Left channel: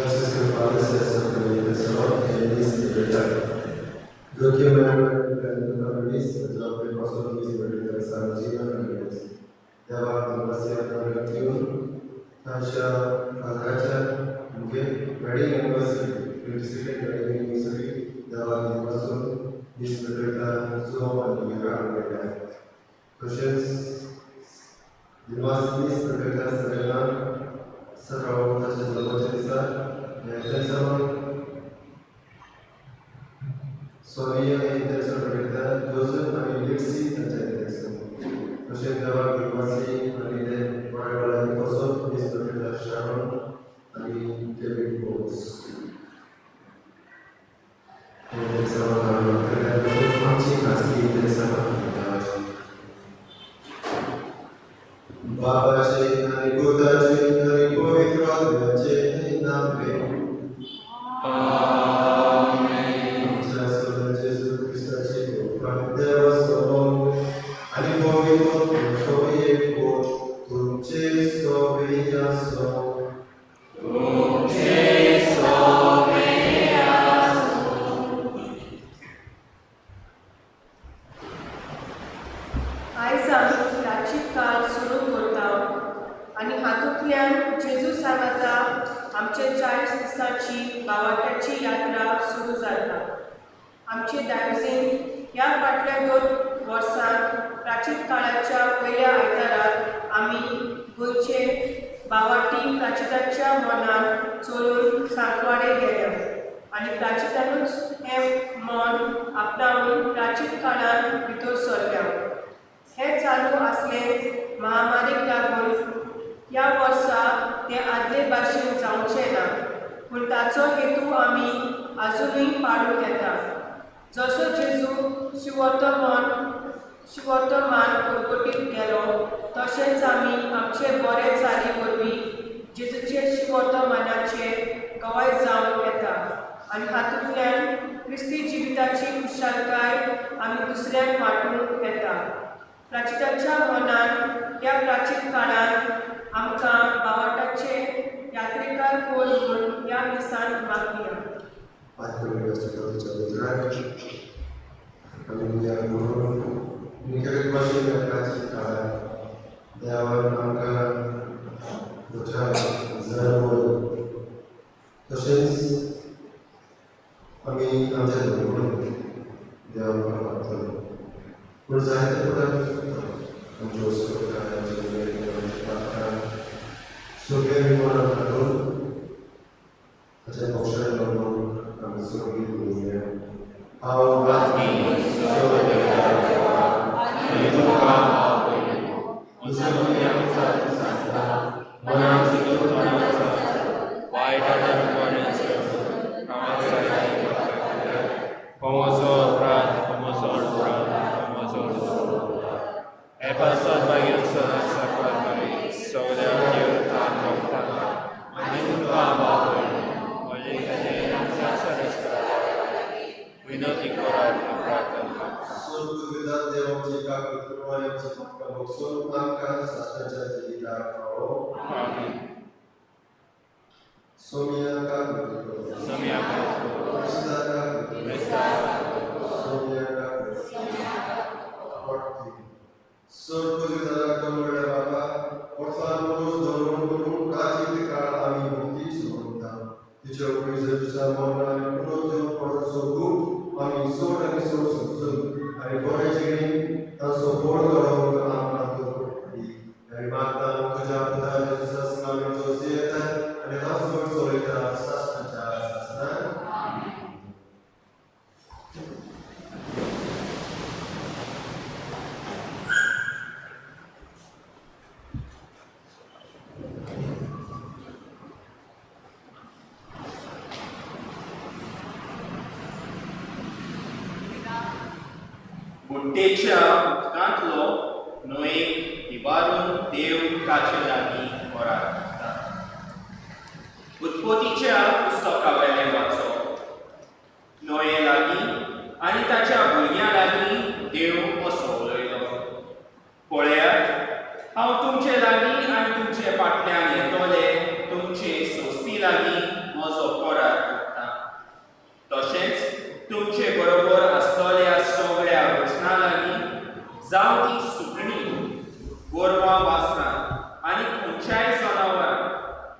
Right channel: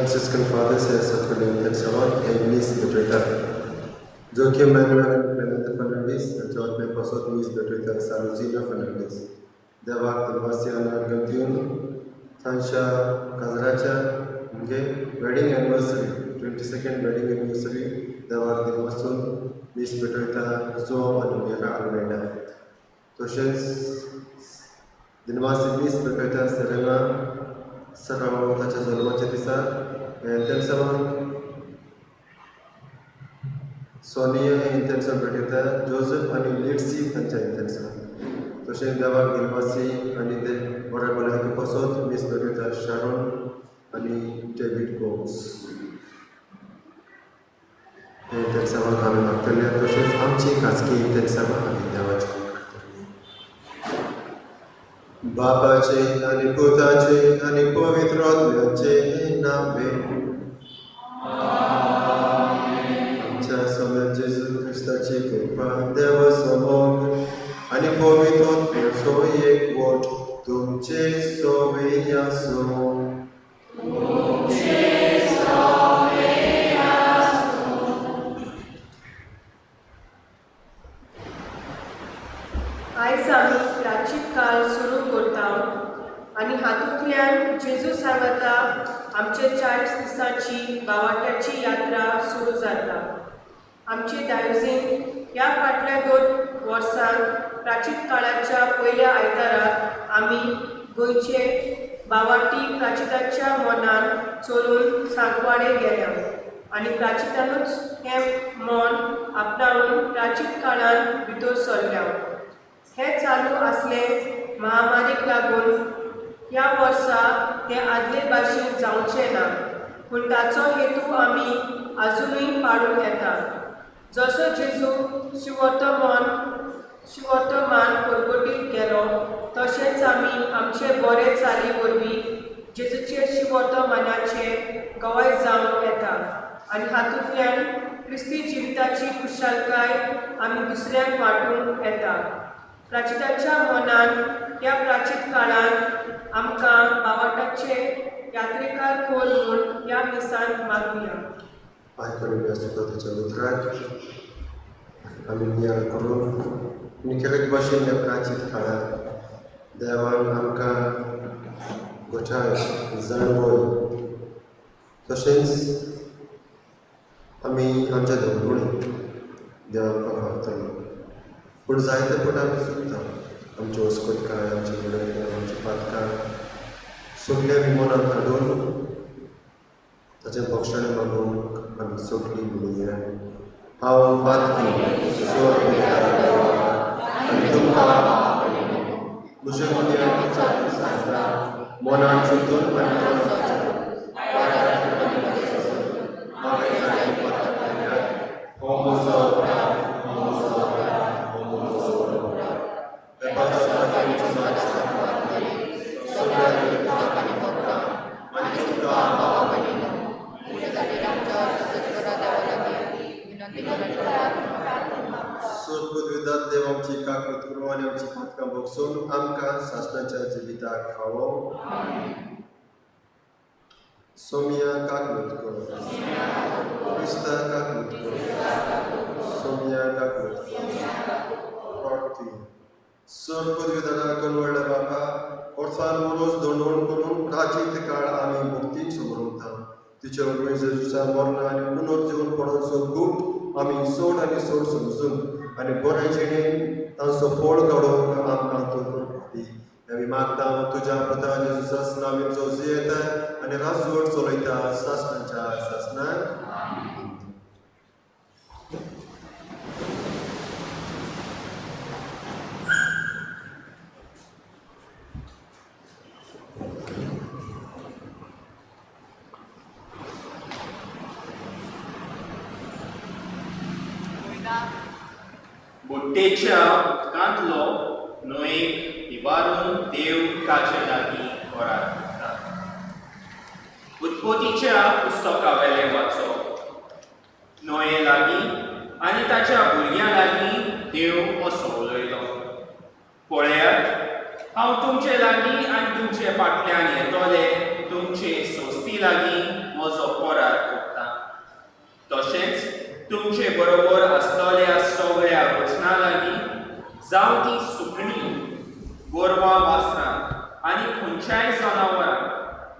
Franciscan Fathers y Sacramento del Salón en Luis de Twitter. Joaquim Manuel Fernando Fernández, el George Pastor Luis de Twitter, Saluzina Fernández. Deva Sebastian Argentino, Tansha Kazracha, wedding anniversary, 22nd wedding anniversary, Deva Pastor Luis de Twitter, Zoom and Yaka Almeida. Toshes, Dinamasi Luis de Twitter, Serena, Sarau Tacha Zalwa Chatisa, and Tensaron, Sonia in Tensaron, Joseph, Litsi, and Tensaron. Toshen Dava Gilmasi, and then whatever I posted, Miss Pavita Sharon, and David Gomes. And Tensaron, Hana Maktalia, Toshen Hamchi, Kaski, Tensaron, and Dava. Babaचे आणि पुताचे आणि पवित्र आत्म्याचे नावे आमच्या सोबत येशू ख्रिस्ताची कृपा देवासमोर आणि पवित्र आत्म्याचो एकवट तुमचे सोबत आसूं. आयज आमी प्राचीन काळ सुरू करता आनी हातूंतल्यान जेजू सांगता आमचे 40 दिसांची बावाट्याची यात्रा सुरू जाता. आमचे दायजीन ह्या फाटल्या 2 वर्सांत प्राचीन काळाच्या पयल्या आयताराक आमी गोंयचे बावाटी प्राचिताच्या मोनान चोरून सांकवाडे गेल्या आनी प्राचितानूच हें मोन आपणावून प्राचीन काळान भितर सरल्या. हे चालू आसले महामारीक लागून ह्या वर्सा ते आदले भाशेन जावचें ना, पूण ताचो हेतू आमी आजुनूय पाळून येता. जसो जेजू शिवर्तमान परगटीत गेलो तशेंच आमी आमचे बरे चाली वरवीं जेजूचे शिवर्तमानाचे गवाय जावन येता आनी हातूंतल्यान क्रिस्ती जिविताची खुशालकाय आमी दुसऱ्यांक वांटूंक येता. प्राचिताच्या मोनान ह्या प्राचीन काळान आमकां बावाटाचे यात्रेकार कोर म्हूण ह्या दिसान मागया. आयकून व्यासपीठाच्या उतराक आमी नियाळ करून निखिल भाशेन ह्या प्राचीन काळांत देवान आमकां गोठाय जाणवय तशेंच आमी आमच्या धर्मोळी देवाक पावतालो. पूण जायते फावट आमी चुकता. आमचे वस्कोतकाय, आमचे गुरय, आमचे पातकाय सगळे आमी मनान हाडून ताचें भक्षण मागूंक आमी सगळीं म्हणया हांव मनान चिंतून बघसून आमकां शास्त्राच्या जिविताक फावो. सोमिया काकूत करो, क्रिस्ता काकूत करो, सोमिया काकूत प्रार्थी. स्वर्गदूताला कळवळ्या बाबा ओर्फान रोज दोन करून प्राचीन काळ आमी मुक्तीक समोरता. तिच्या जेजूचा मरण आनी पुनर्जीवन पडोवचो खूब आमी सोड आनी सोड समजून आनी बरे जिणेन तांचो फळ काडूंक आमकां तोर दी. आमी मागता तुज्या पुता जेजूच्या नांवान जो जियेता आनी राजवट चलयता शासनाच्या शासनाक. बुड्डेच्या उदकांतलो न्हंयेक इबारून देव ताचे लागीं ओराड करता. उत्पत्तीच्या पुस्तका वेलें वाचप. न्हंये लागीं आनी ताच्या भुरग्यां लागीं देव असो उलयलो. पळयात हांव तुमचे लागीं आनी तुमचे फाटल्यान येतोले तुमचे सोस्ती लागीं म्हजो बरोबर आसतल्या सगळ्या वचना लागीं जावं ती सुकणी, गोरवां वासरां आनी खंयच्याय जनावरां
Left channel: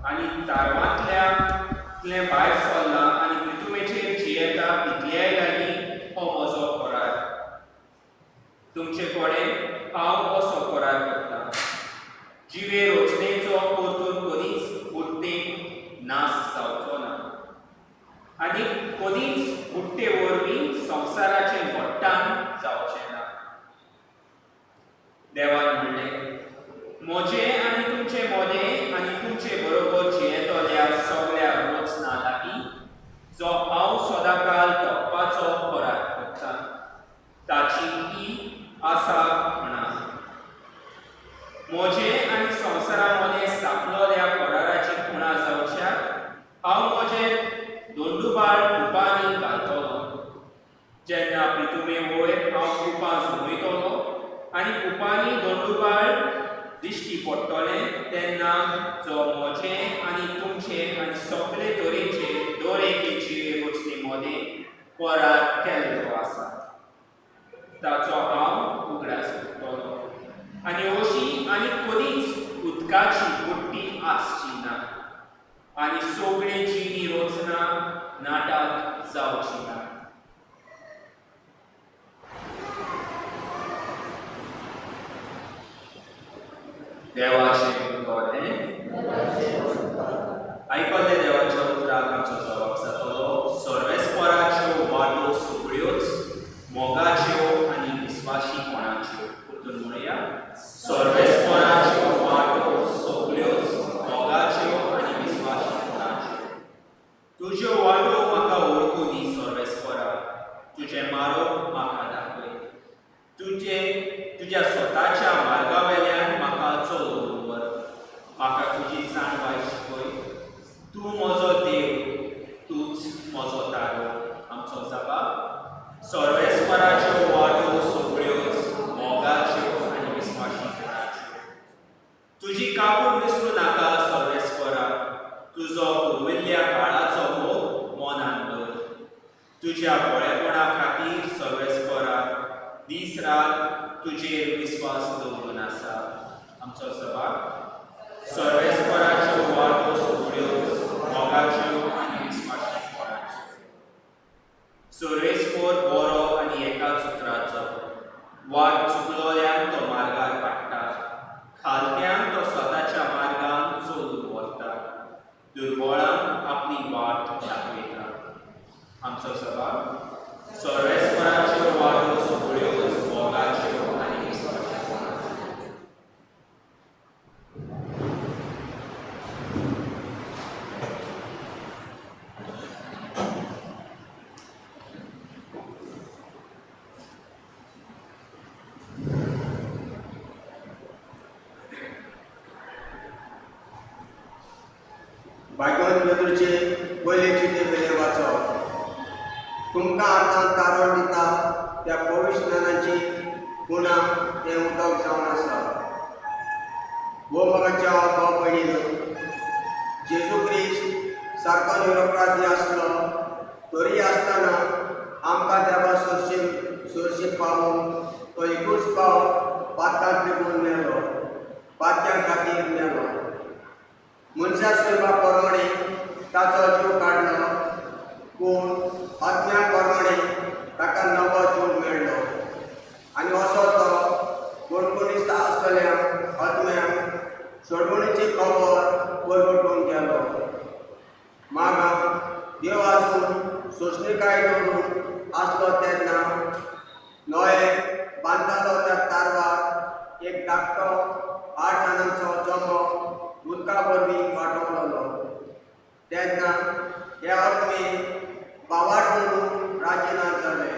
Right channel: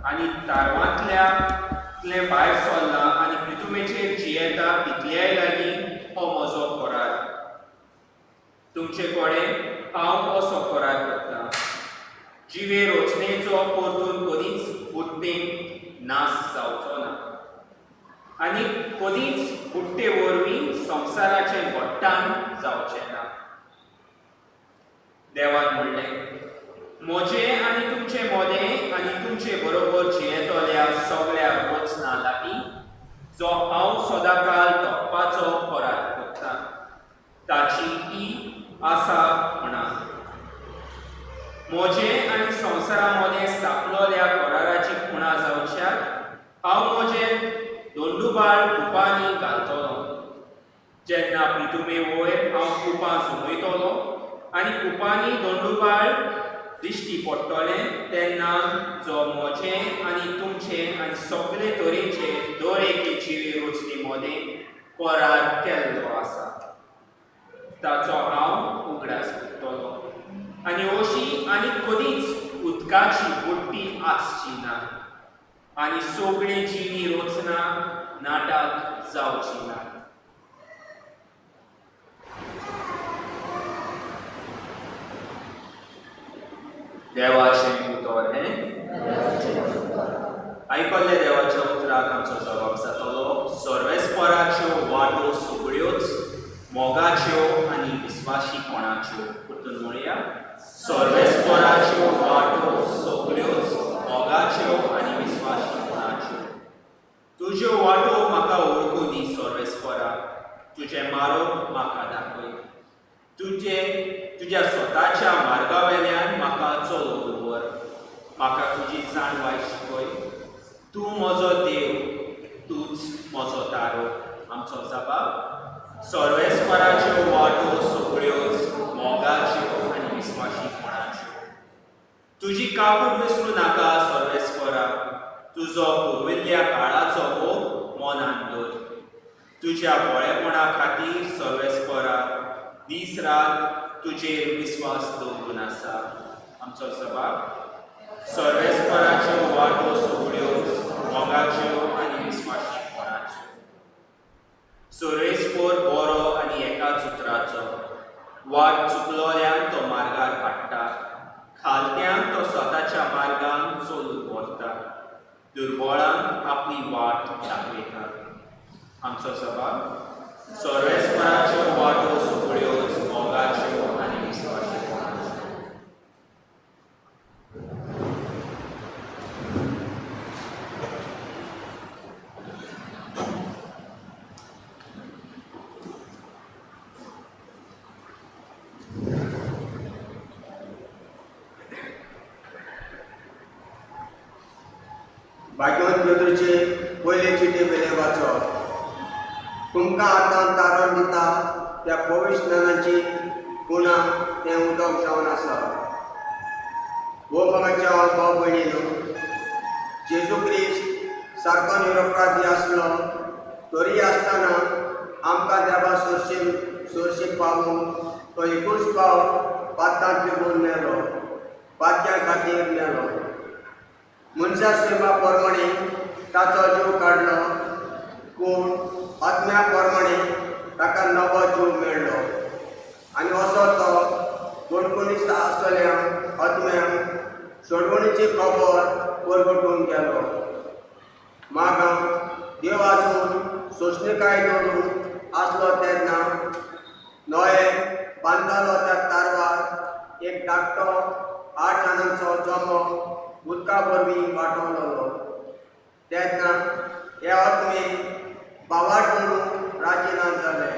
आनी तारवांतले भायर सरला आनी पृथ्वीचेर जियेता तितल्याय लागीं हो म्हजो करार. तुमचे कडेन हांव असो करार करतां, जिवे रचनेचो परतून कधीच बुडटेक नाश जावचो ना आनी कधीच बुडटे वरवीं संवसाराचें घट्टाण जावचें ना. देवान म्हणलें, म्हजें आनी तुमचें मोदें आनी तुमचे बरोबर जियेतल्या सगळ्या वचना लागीं जो हांव सदांकाळ तोपपाचो करार करतां, ताची ही आसा म्हणा. म्हजें आनी संवसारा मदें स्थापलोल्या कराराची खुणा जावच्याक हांव म्हजें दोंडुबाळ कुपांनी घालतलों. जेन्ना पृथ्वी वयर हांव कुपां झुमयतलों आनी कुपांनी दोंडुबाळ दिश्टी पडटलें, तेन्ना जो म्हजें आनी तुमचें आनी सगळे तरेचे दर एके जिवे रचने मदें करार केल्लो आसा, ताचो हांव उगडास करतलों. आनी अशी आनी कधीच उदकाची बुडटी आसची ना आनी सगळे जिवी रचना नाटाक जावची ना. देवाचें उतर हें आयकल्ले देवाच्या उतराक आमचो जबाब जातलो, सर्वेस्पराच्यो वाटो सगळ्योच मोगाच्यो आनी विस्वाशीपणाच्यो. परतून म्हणया, सर्वेस्पराच्यो वाटो सगळ्योच मोगाच्यो आनी विस्वाशीपणाच्यो. तुज्यो वाटो म्हाका ओळखूं दी सर्वेस्परा, तुजें मार्ग म्हाका दाखय. तुज्या स्वताच्या मार्गावेल्यान म्हाका चलोव दवर. म्हाका तुजी जाणवाय शिकय. तूं म्हजो देव, तूंच म्हजो तारो. आमचो जबाब, सर्वेस्पराच्यो वाटो सगळ्योच मोगाच्यो आनी विस्वाशीपणाच्यो. तुजी काकूट विसरूं नाका सर्वेस्परा, तुजो पुर्विल्ल्या काळाचो मोग मनांत दवर. तुज्या बळेपणा खातीर सर्वेस्परा दीस रात तुजेर विस्वास दवरून आसा. आमचो जबाब, सर्वेस्पराच्यो वाटो सगळ्योच मोगाच्यो आनी विस्वाशीपणाच्यो. सर्वेस्पर बरो आनी एकाच उतराचो. वाट चुकलोल्यांक तो मार्गार हाडटा, खालत्यांक तो स्वताच्या मार्गान चलून व्हरता, दुर्बळांक आपली वाट दाखयता. आमचो जबाब, सर्वेस्पराच्यो वाटो सगळ्योच मोगाच्यो आनी विस्वाशीपणाच्यो. भाग्यवंत पेद्रूचे पयले चिटे वेले वाचप. तुमकां आतां तारण दिता त्या पवित्र स्नानाची खुणा तें उदक जावन आसा. वो मोगाच्या भाव भयणीनो, जेजू क्रिस्त सारको निरपराधी आसलो तरी आसतना आमकां देवा सोरशेक पावून तो एकूच पाव पातांत लेगून मेलो, पात्यां खातीर मेलो. मनशा स्वयंपा प्रमाणे ताचो जीव काडलो, पूण आत्म्या प्रमाणे ताका नवो जीव मेळ्ळो. आनी असो तो कोणकोणीच आसलेल्या आत्म्यांक सोडवणीची खबर परगटून गेलो. मागां देव आजून सोंसणीकाय दवरून आसलो तेन्ना नोये बांदतालो त्या तारवार एक धाकटो 8 जाणांचो जमो उदका वरवीं वांटवलोलो. तेन्ना हे आत्मे बावाट करून राजिना जाले.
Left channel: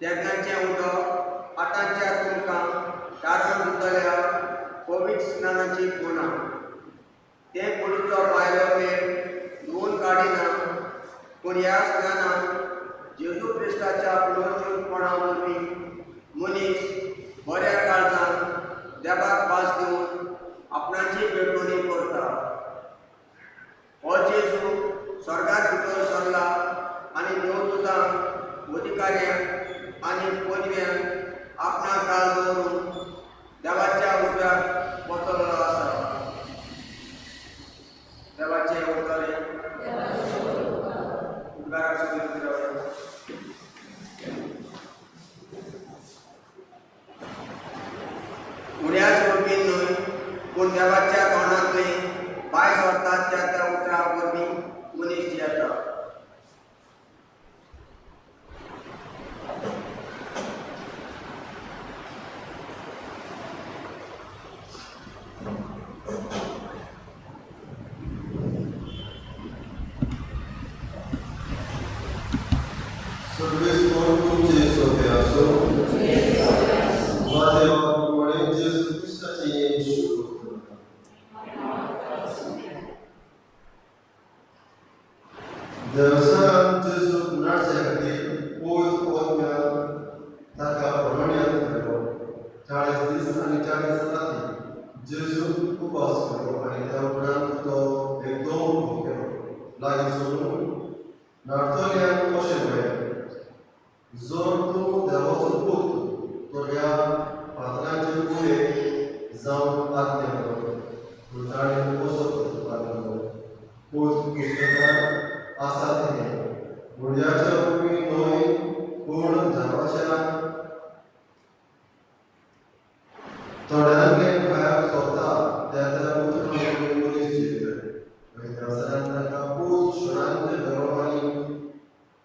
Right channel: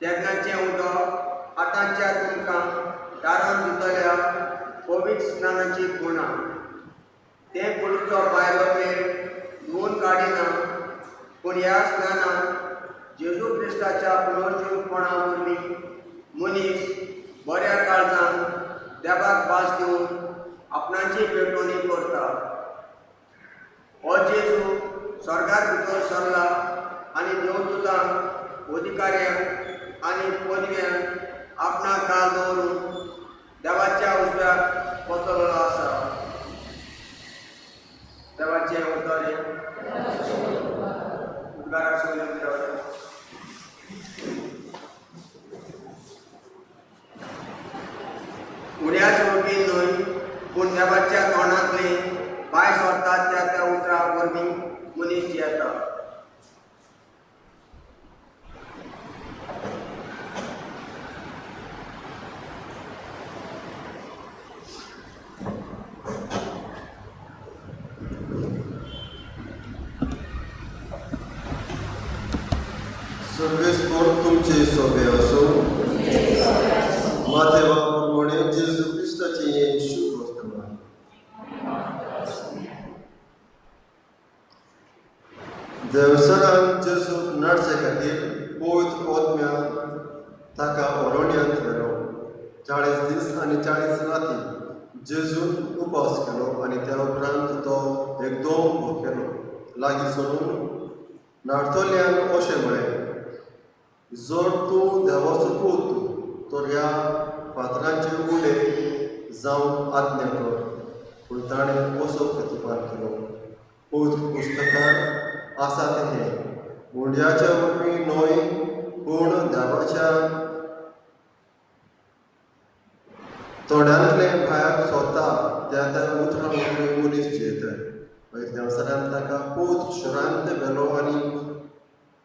तेन्नाचें उदक आतांच्या तुमकां तारण दितल्या पवित्र स्नानाची खुणा. तें कुडीचो भायलो मेळ धुवन काडिना, पूण ह्या स्नानान जेजू क्रिस्ताच्या पुनर्जीवपणा वरवीं मनीस बऱ्या काळजान देवाक भास दिवन आपणाची भेटवणी करता. हो जेजू स्वर्गांत भितर सरला आनी देवदूतांक पूण देवाच्या तोंडांतली भायर सरतात त्या उतरा वरवीं मनीस येता. सर्वेस्वर तुमचे सोबे असो. माथेवा प्रमाणे जेजू ख्रिस्ताचे येशू वर्तमान. देवसरान जेजू नाडचे खातीर पयत ओतम्या ताका अरण्यांत व्हेलो. 40 दीस आनी 40 राती जेजू उपास केलो आनी त्या उपरांत तो एकदम भोग केलो. लागीं सरून नाडतल्यांक अशें म्हळें, जर तूं देवाचो पूत तर ह्या फातरांचे उडे जावन आज्ञा कर. पूण ताणें कसो प्रतिपाद केलो. पवित्र पुस्तकांत आसा तें उंड्याच्या वरवीं न्हय पूण देवाच्या तोंडांतले भायर सरता त्या उतरां वरवीं मनीस जियेता. देवसरान ताका पूत शरांत व्हेलो आनी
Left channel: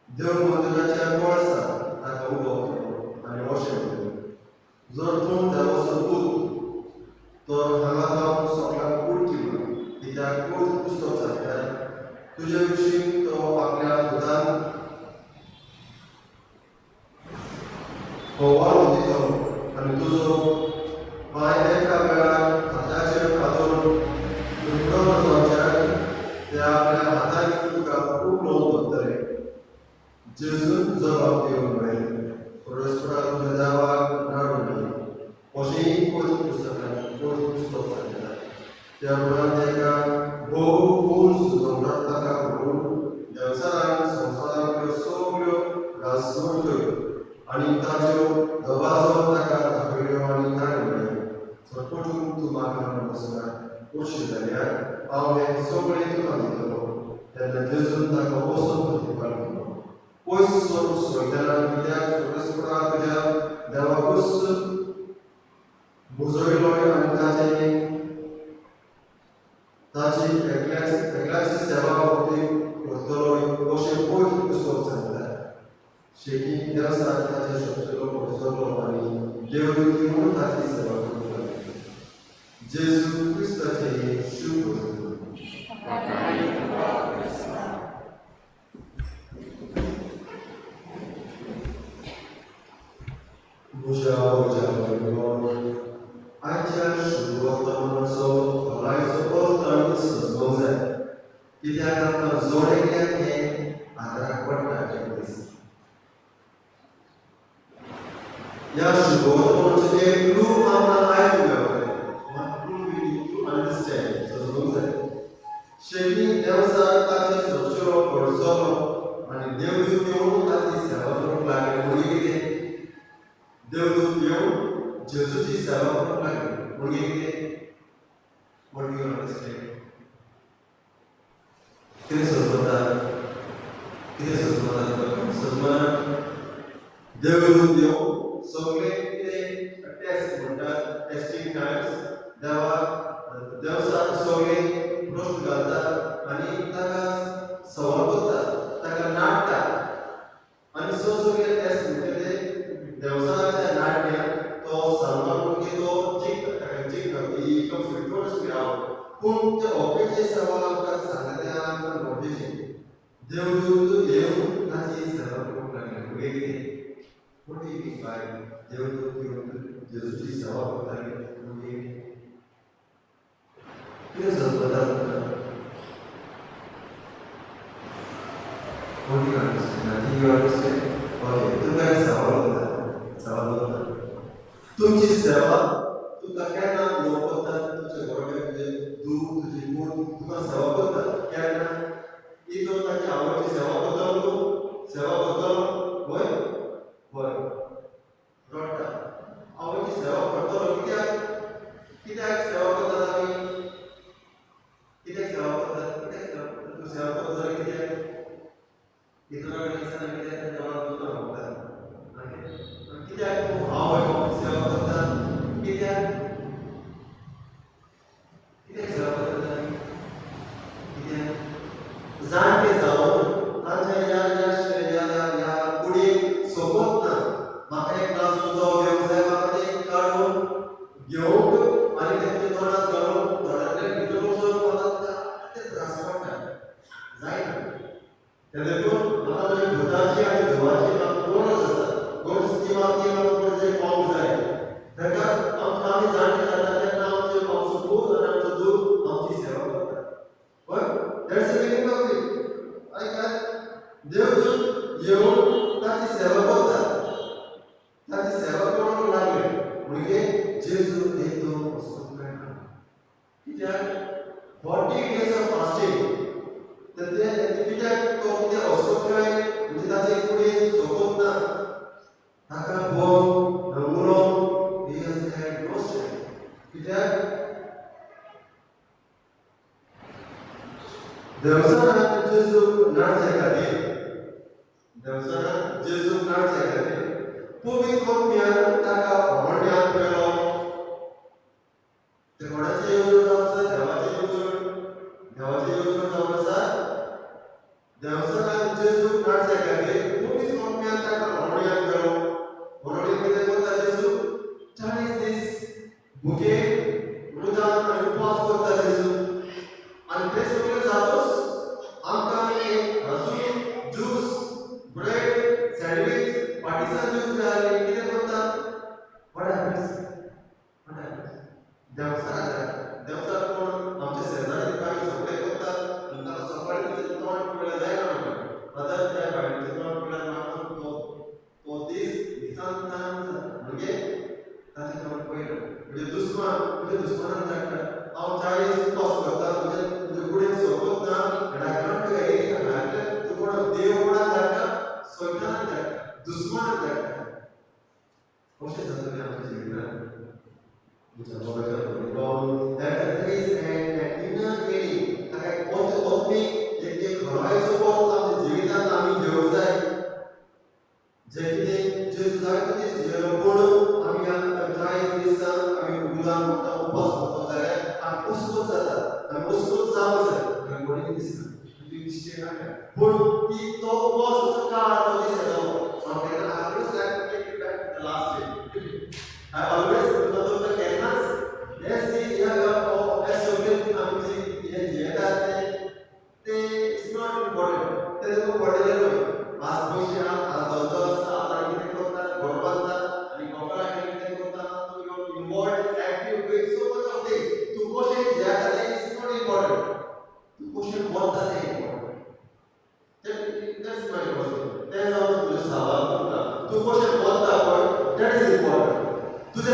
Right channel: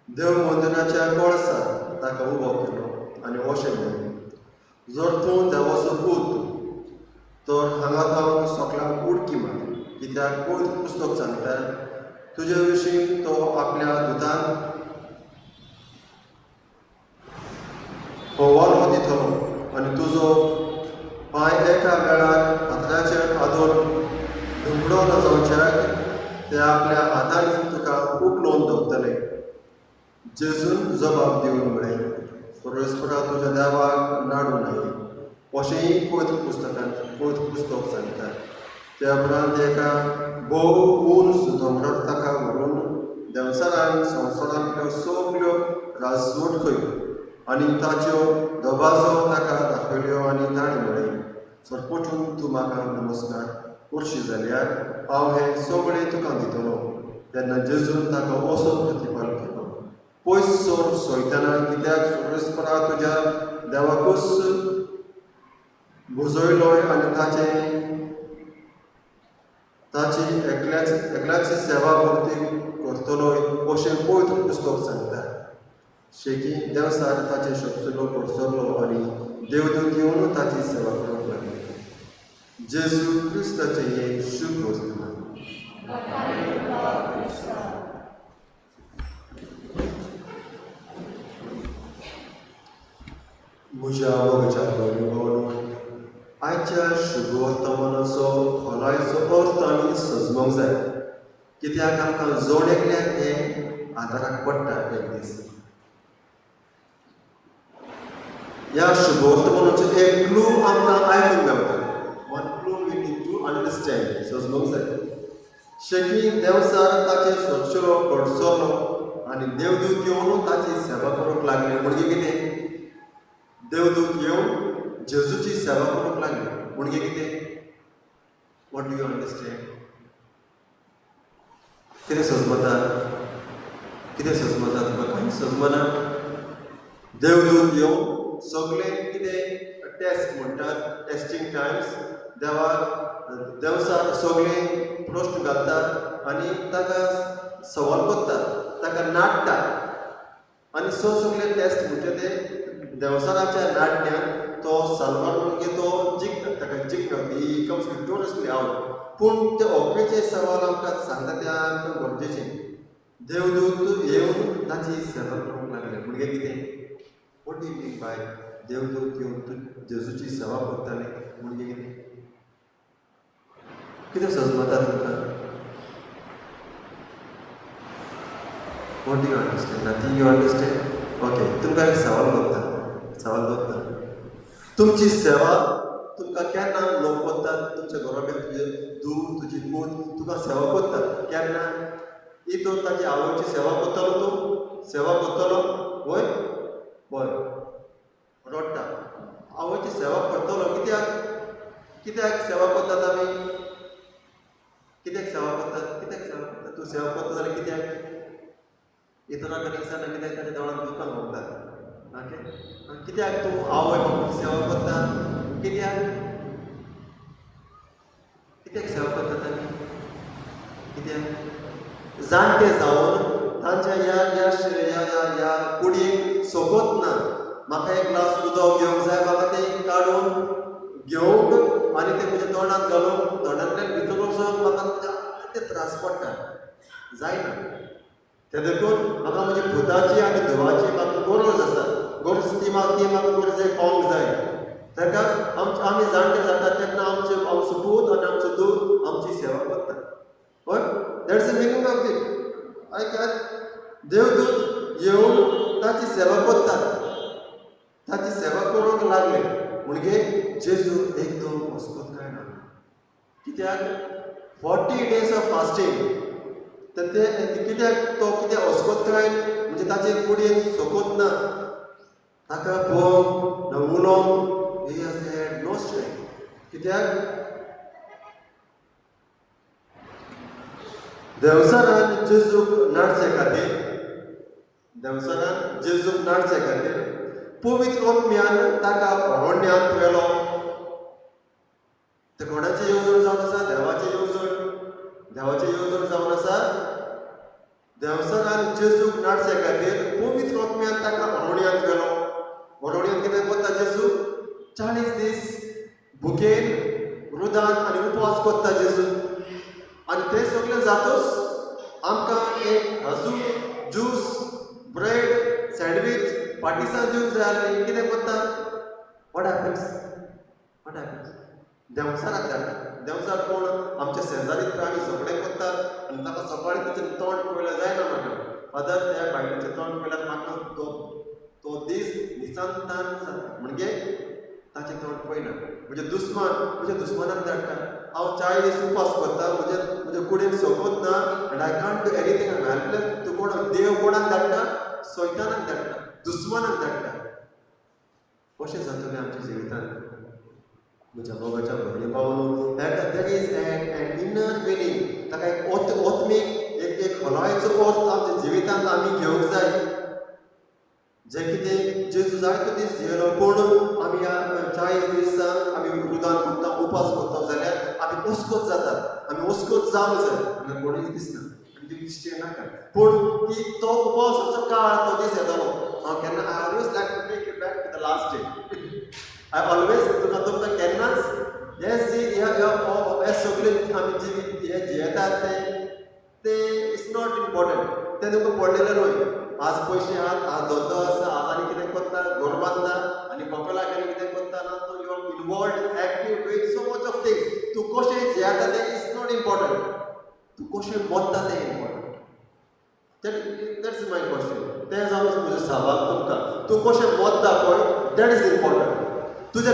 देव मंदिराच्या कळसार ताका उबो केलो आनी अशें म्हणलें, जर तूं देवाचो पूत तर हांगा थांब सकलांक उडकी मार. कित्याक पवित्र पुस्तक सांगता, तुजे विशीं तो आपल्या दुदान हवालो दितलो आनी तुजो पांय एका वेळार फातराचेर आदोवन दुमडो न जावच्याक ते आपल्या हातांनी तुका उखलून दवरतले. जेजून जबाब दिवन म्हळें, परमेश्वरा तुज्या देवाक नाडूं न्हय. अशेंय पवित्र पुस्तक सांगता. त्या उपरांत एका भोव उंच दोंगरार ताका व्हरून देवसरान संवसारांतल्यो सगल्यो राजवट आनी ताच्यो दबाजो ताका दाखयल्यो आनी ताणें म्हळें, सरपटून तूं म्हाका नमस्कार करशी जाल्यार हांव हें सगळें तुका दितलो. तेन्ना जेजून ताका असो प्रतिपाद केलो, पयस सर सयताना, कित्याक परमेश्वरा तुज्या देवाकूच बुजयलोय आनी ताची एकल्याची सेवा भोवती करतलोय अशें पवित्र पुस्तक सांगता. शेकी देवसार ताचे शब्दलो पडसरलो आनी देवदूत येवन ताची सेवा करूंक लागले. जेजू क्रिस्ताचे शुभ वर्तमान. म्हज्या आयच्या शुभ वर्तमानाचो खोलायेचो अर्थ आनी सजमूंक जाय. कित्याक आमकां जोडेकल्याक हें आदाराक पडटा एक दीस. ह्या शुभ वर्तमानाचो एक क्लू आमकां आयकूंक मेळटा. One clue we need to understand, सजमूंक जाय. शेकी देवसार ताचे सरचो पडसलो आनी देवदूत येवन ताची सेवा करूंक लागले. म्हणजे कितें? देवदूत येवन जेजूची सेवा करूंक लागले. म्हणजे कितें? What do you understand? कितें सजमता? कितें सजमता तुका? सजमना? देवदूत येवन सगळे कितें टेस्ट म्हणटात, टेस्टिंग टायम्स, देवसार सगळे प्रश्न घालतात आनी ताका सवाल करतात, ताका नाडटात आनी सगळे टेस्ट म्हणजे ते देवसाराच्या नाट्यान तो सलमान म्हणजे तो जिखता, ताका जिखता, ही कम्स विक्टोरियसली आउट. पूण ते ओपेचे सवाल आमकां सांगता ते आमकां गरजेचे. देवदूत येवन ताची सेवा करूंक लागले. म्हणजे कितें? What do you mean by देवदूत येवन जेजूची सेवा करताले? म्हणजे कितें समजता तुमकां? What do you understand? Nothing you understand? Okay, तुमकां एक सवाल दवरता. तुमची सेवा तुमकां केन्ना लोक करतात? तुमच्या घराकडे तुजे दूध, तुजी मूत तुका सेवा करतात. केन्ना? इतर ताची आवयची सेवा करतलो तूं? सेवा करतलो? वय वय रडटा. आवयची सेवा करतलो. कित्याक सेवा करतात आमी? कित्याक सेवा करतात? तूं सेवा करता जाल्यार कित्याक? इतरां कडेन दिसना कित्याक ताणें तोंडान दुकां मागतात. कित्याक तूं आवय सेवा करता? कित्याक? जाणटे जावन तांच्या ह्या कुडीक सोबत ना म्हाका एक ग्लास उदक घेवंक जाय म्हाका तें काडून घेवंक आनी तें म्हज्या तोंडांत घालून तोंडांतल्यान भितर वचोन म्हाका ते त्रास पडटा जायना ते देखून म्हाका म्हज्या भुताची आनी देवाची म्हाका गरज आसा गरज ती म्हाका गरज पावंक जाय ताका आमी जाणटे जाता तेन्ना आमचो पूत आनी आमचो दूख आमची सेवा करता but that's the meaning of it आयकात देवदूत येवन ताची सेवा करता ताची सेवा करूंक लागले म्हणजे जेजू एकदम वचपाक मेळना कित्याक 40 days ऑफ फास्टींग तर ते कित्याक तो कित्याक वचपाक काय म्हणजे ताचे कुडीन सोबत ना ताका पळोवन न उलोवंक ही हॅड नो स्ट्रेंथ कित्याक देवसानांत जेजूक नाडचे खातीर देवसानांत जेजूक नाडचे खातीर पवित्र आत्म्यान ताका भोंवड्यांत व्हेलो ते कोणाची येवजण जावन आसा देवाची येवजण जावन आसा देवसानांत जेजूक नाडचे खातीर पवित्र आत्म्यान ताका भोंवड्यांत व्हेलो भोंवड्यांत कितें करता जेजू 40 दीस भुकेन रुदान आनी उपवास करता जेजू आनी ते सगळें जातूच आमकां एक भाजून ज्यूस ब्रेड सँडवीच पार्टिसान दिवंक जाय आसलें कितें करता वॉट हॅपन्स देवसानाक धाडटा देवसाक कोण आमचे शेजारी आमी सगळें करतात आनी ताका सकाळीं ताचें तोंड पळयल्यार जायना म्हाका फादर त्या बायलेचें तोंड पळयल्यार म्हाका तो दीस निसंतान जाता म्हणजे ताचें तोंड पळयना म्हणजे दुस्मानाक धाडटा हांव 40 उपास करता म्हज्या कुडीन सोबत ना आनी आय कांट डू एनीथींग हांवें तूं कोण देव कोणाक धाडटा सैतानाक धाडटा दुस्मानाक धाडटा कशें जातलें आमच्या जिवितांत म्हज्या बाबाच्या भयणी भावान there is an inner meaning ताका एक ओत्मीक एक खलायेचो अर्थ आमच्या जिवितांत आमी घेवंक जाय जे कितें जेजू जायतो दीस जियेलो पूण आमी ह्या 40 दिसांक आमी उदान करता उपास करता जाल्यार आमी उसकोत जातात आमी उसकोत जावंक जाय आनी कोणीय दिसना ती दिश्टी नाका पूण तो उपासाचो काळ तो दीस येतालो हांव केन्ना I always like to take it back to the last day I always तुका केन्नाच हें जी हे सगळें आमी जी हे जियेतात ते इट्स नॉट इम्पॉर्टंट ते तुका पडलेले न्हय आज पयशे आहात आज धंदो आसा आज आनी कितें करता घर बांदता आनी कपलाक आनी कितें करता ना तूं you are involved active with so much of things तूं कशें जियेता तें इज नॉट इम्पॉर्टंट तूं कशें मरता तें इम्पॉर्टंट दॅट्स माय क्वेश्चन तें जावन तुजें सवाल तुमकां तूं कशें मरता पळय दॅट इज इम्पॉर्टंट तुजे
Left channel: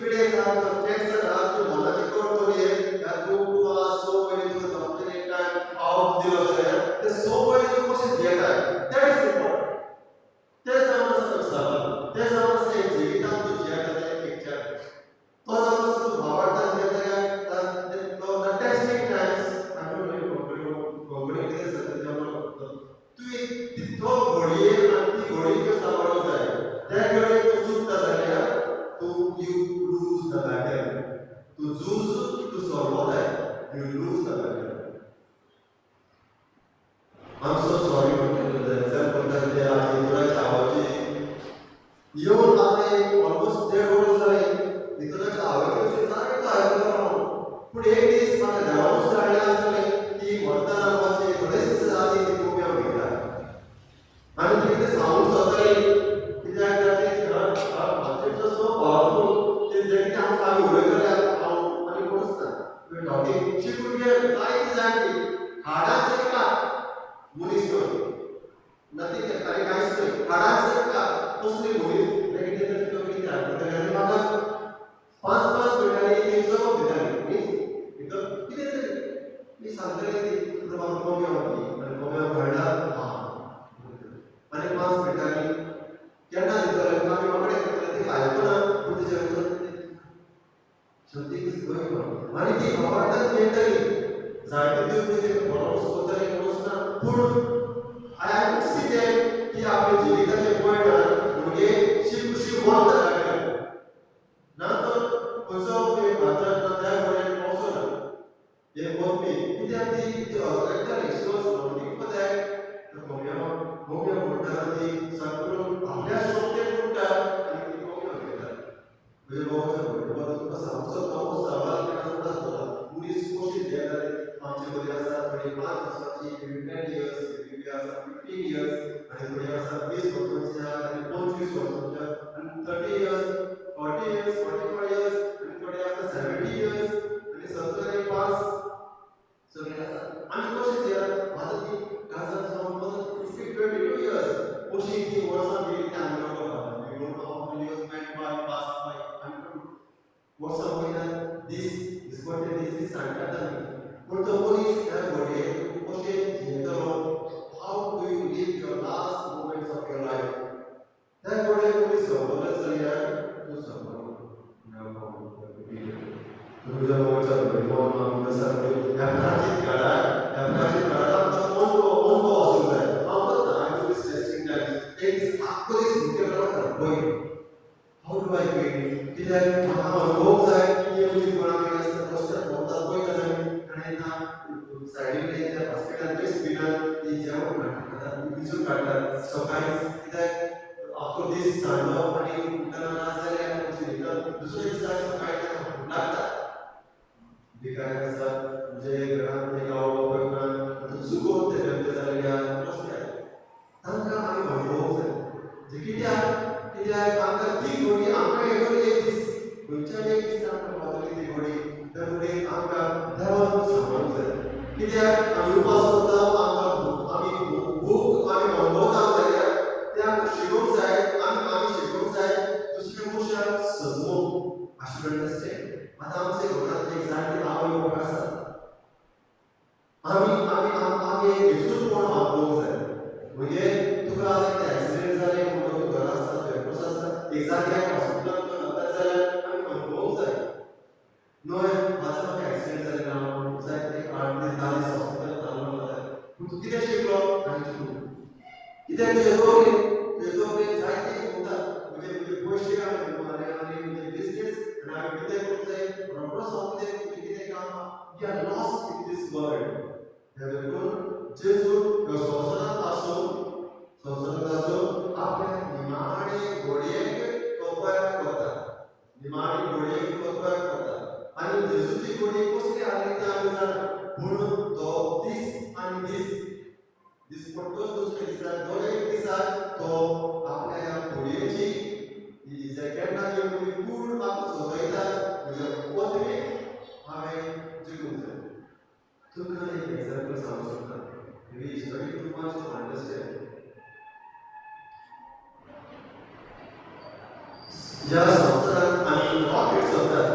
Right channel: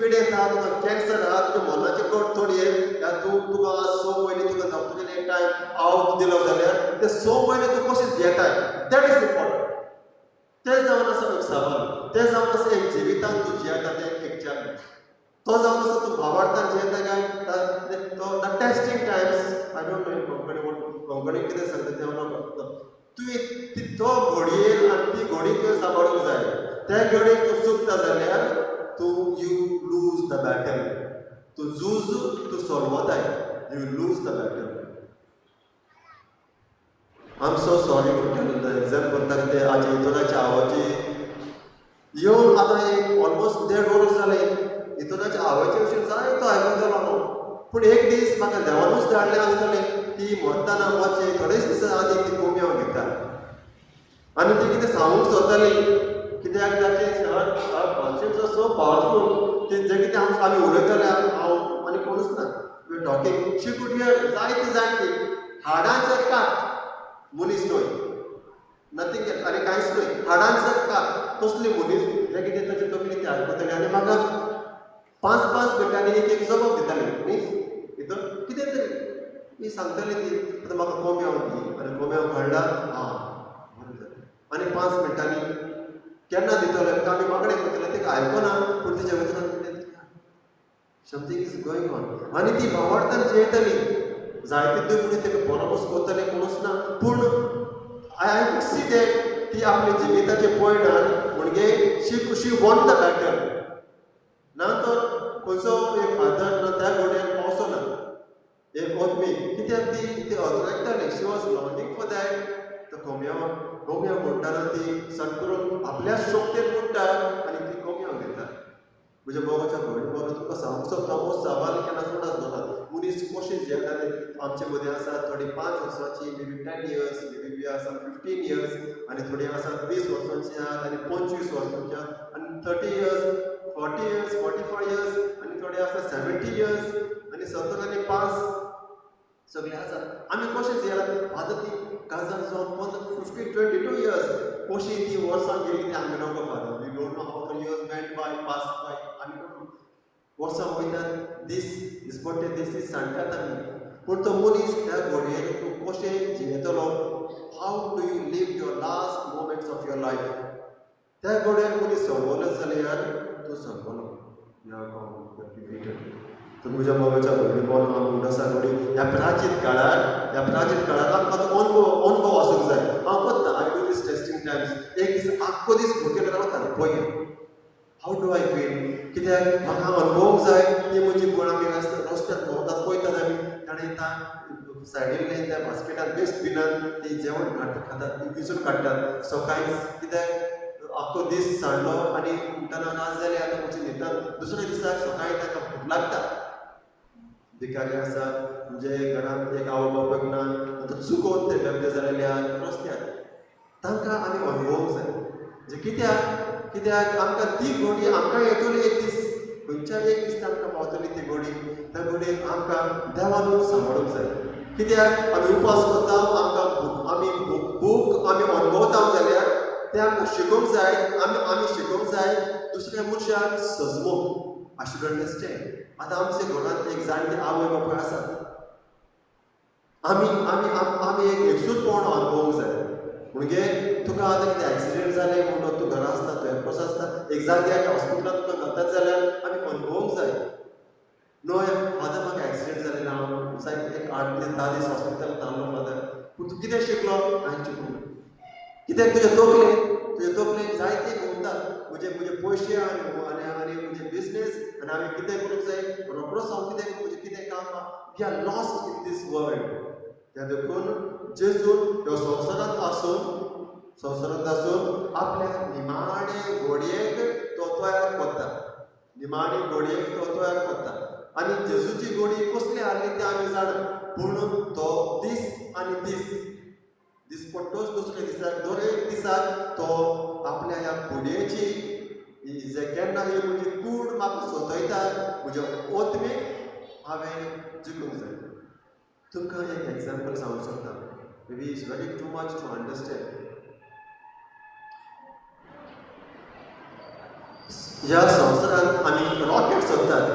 पिडेन आहा तुका कॅन्सर आहा तुज्या मनाचे कडथोडये या तुका 6 म्हयने तुका डॉक्टरान एक टायम आवट दिलो जाल्यार ते 6 म्हयने तूं कशें जियेताय दॅट इज इम्पॉर्टंट तें जावन आसा एक सवाल तें जावन आसा एक जिवितांत तूं जियेता तें एक चॅलेंज तो जावन आसा तूं भावार्थान जियेता काय तो the testing Times I don't know Konkani कितें सांगता तें हांव नकळो तूं तो घडयेन आनी ती घडी तुवें सांबाळूंक जाय त्या घडयेक तूं चुकता जाल्यार you lose the battle. To lose, to solve that, you lose the battle. I'm so sorry to tell the example that they are इतराच्या आवाजी येऊन आता एक ऑलमोस्ट 1.5 वर्स जाले इतराच्या आवाजी अशें जायतो आयकलो हांव पूण एक दीस म्हाका देवानूच धाडलें आसतलें की मरतना वचचें थोडेच दीस आदी ती कोमी हांव घेता आनी ती कितें सांगूंक सोदताली कित्याक ताचें मातशें सो पावरफूल तें जें कितें आमी उलयताले हांव आनी कोणूच ना we talking she could be जायती जाणटी हाडांचें कात मनीस न्हय नथींग आनी कांयच न्हय हाडांचें कात तसली मनीस जें कितें ताचें तो कितें आयकतालें आनी म्हाका 5-5 मिनटांनी एक जबाब दिताली न्ही भितर कितें तरी मी सांगताली ती आतां म्हाका कोंब्यां आनी कोंब्यां काडला आनी 5 मिनटांनी केन्ना दितले आमी मागणे करतले तेका आयकना पूण तेजे भितर समथींग इज गोईंग ऑन आनी ती भावार्थान जियेताली जायते दुखणी तेका बरोबस करतले कोणूच ना पूण आय कूड सी दॅट ती आपल्या जिविताचे पळयना म्हणजे शी वॉन्ट द बॅटल ना तर खंयचो एक फादर ना त्या घडयेक पावसो ना एक ओतमी कित्याक ती अगरयताली शी वॉज कोंब्यो म्हणटाना ती चड करून आपल्या शक्तेन म्हणटा आनी ती कोंब्यो घेतात. म्हज्या भावाच्या घडये तुका सामको नवो सवाल केला सुद्दां आसतना मनीस कशें जियेताले आमचे मदीं आसा थोडी 5 वर्सांची, मेबी 10 इयर्स, मेबी आसा 15 इयर्स, आनी थोडी आसा 20 वर्सांची आहा, आनी 25 वर्सांची आहा, आनी 30 इयर्स, 40 इयर्स, 45 इयर्स, आनी थोडी आसा 70 इयर्स, आनी 70 आनी 5 सगळे आसा. आमी कशें जियेतात आतां ती काजार जावन 22 इयर्स कशी ती वर्सां गेली ती आमी नोको father. We don't know how many years went by, pass by, आमी वर्सां वयतात, दीस पडटे दीस सांगतात आमी. पूण तो मनीस त्या घडयेक तूं कशें जियेतलो, how do you live your last moments of your life, त्या घडयेक मनीस सोंपलो जाल्यार तूं सोंपलो. तुझ्या बाबाच्या घडये आसा ह्या प्राचीन काळार आमकां अनुभव आसूंक जाय. हांव करता, I do these testing Times. एक दीस आख्खो दीस भुकेलो रावता पळय हाऊ डू आय फील, कित्याक म्हाका अनुभवूंक जाय ती म्हजी कोण आमी रस्त्यार भोंवतात पळयतात आमी ताणें सायडीन त्या बास्केटान डस्टबिनान ती जेवण खातात ती पिसून काडटात सकाळीं, कित्याक आख्खो दीस सांडलो आनी उठ्ठना नाच जाले आनी म्हजी न्हिदतात दुसऱ्या दिसा सकाळीं ताका भूक लागता. भिकारी आसात म्हणजे घरांत एक आवय बापूय ना, आतां चुकोवन ते गरजे जालेले रस्त्यार, तांकां आमी अनुभवूंक जाय. म्हणजे कित्याक आमकां ती घडी आमकां येतली एक दीस, खंयच्याय एक दीस आमकां पावतली ती घडी. त्या घडयेक आमकां देवान सांबाळूंक जाय. कित्याक आमी उपास करता, आमी भूक आमी अनुभवता जाल्यार तें आमकां शिकोवंक जाय. आमी शिकोवंक जाय दुसऱ्या मनशाक सजमोवंक. I should understand. आतां आमच्या घरांत एक जाणटी आवय बापूय आसात, आमी एक एकसूरपण अनुभवूंक जाय. म्हणजे तुका आतां कितें एक्सिडेंट जालें म्हणून तूं घरा आसता, तुवें कसो आसता, एक जाग्यार हॉस्पिटलांत तुका घालतात जाल्यार आमी अनुभवूंक जाय. नो फादर म्हाका एक्सिडेंट जालें ना, जायत एक 8 ते 10 दीस हॉस्पिटलांत रावलो फादर. पूण तूं कितें शिकलो? हांवें चिंतून. कित्याक तुजे तकलेन जायते घुमतात, म्हजे पयशे आनी म्हजे बिजनेस, आनी हांवें कितें करूंक जाय, रोखडोच हांव कितें काम. We are lost in this world. त्या देखून जेजून ह्यो संवसारांत आसून आपल्या निमाणे घडयेक तो तयार करता. निमाणी घडयेक तो तयार करता. आनी जेजूची घडी कसली आसली तें आमी जाणा. पूण तो दीस आनी दीस पडटोच दुसऱ्या दिसाक, दर एक दिसाक तो आपल्या ह्या घडयेची केन्ना म्हजी कूड म्हाका सोदयता, म्हज्या ओतमेक हांवें जिखूंक जाय. तुमकां एक एग्जाम्पल सांगूंक सोदता. Maybe it's very too much to understand. ह्या संवसारांत आमी रॉकेट्स सोदतात.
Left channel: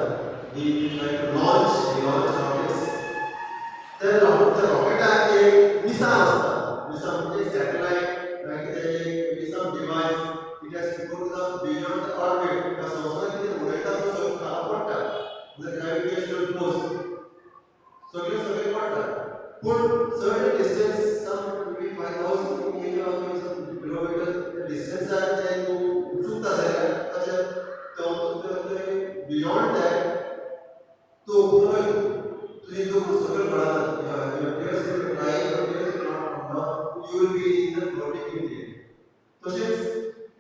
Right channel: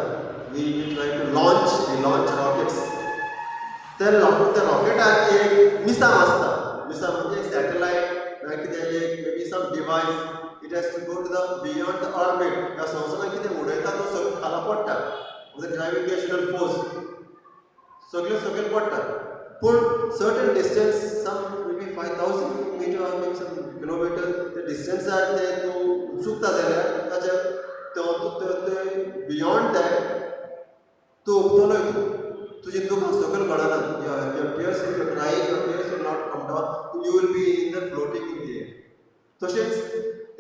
We try to launch rockets. त्या रॉकेटाक एक मिसाम आसता. मिसाम म्हणजे एक सॅटेलायट ना कितें एक maybe some device. It has to go to the beyond the orbit. ह्या संवसारांत कितें उडयता तो सगळें खाला पडटा. म्हणजे ग्रॅविटेशनल फोर्स सगळे पडटा. पूण certain distance, some maybe 5000 metre or maybe some kilometre ते डिस्टन्सार ते तूं चुकता जाल्यार ताच्या बियॉन्ड दॅट तूं उगतलोय. तुजी दुख सगळें कळना. Your tears if you cry, your tears will not come down, you will be in the floating in the air. तशेंच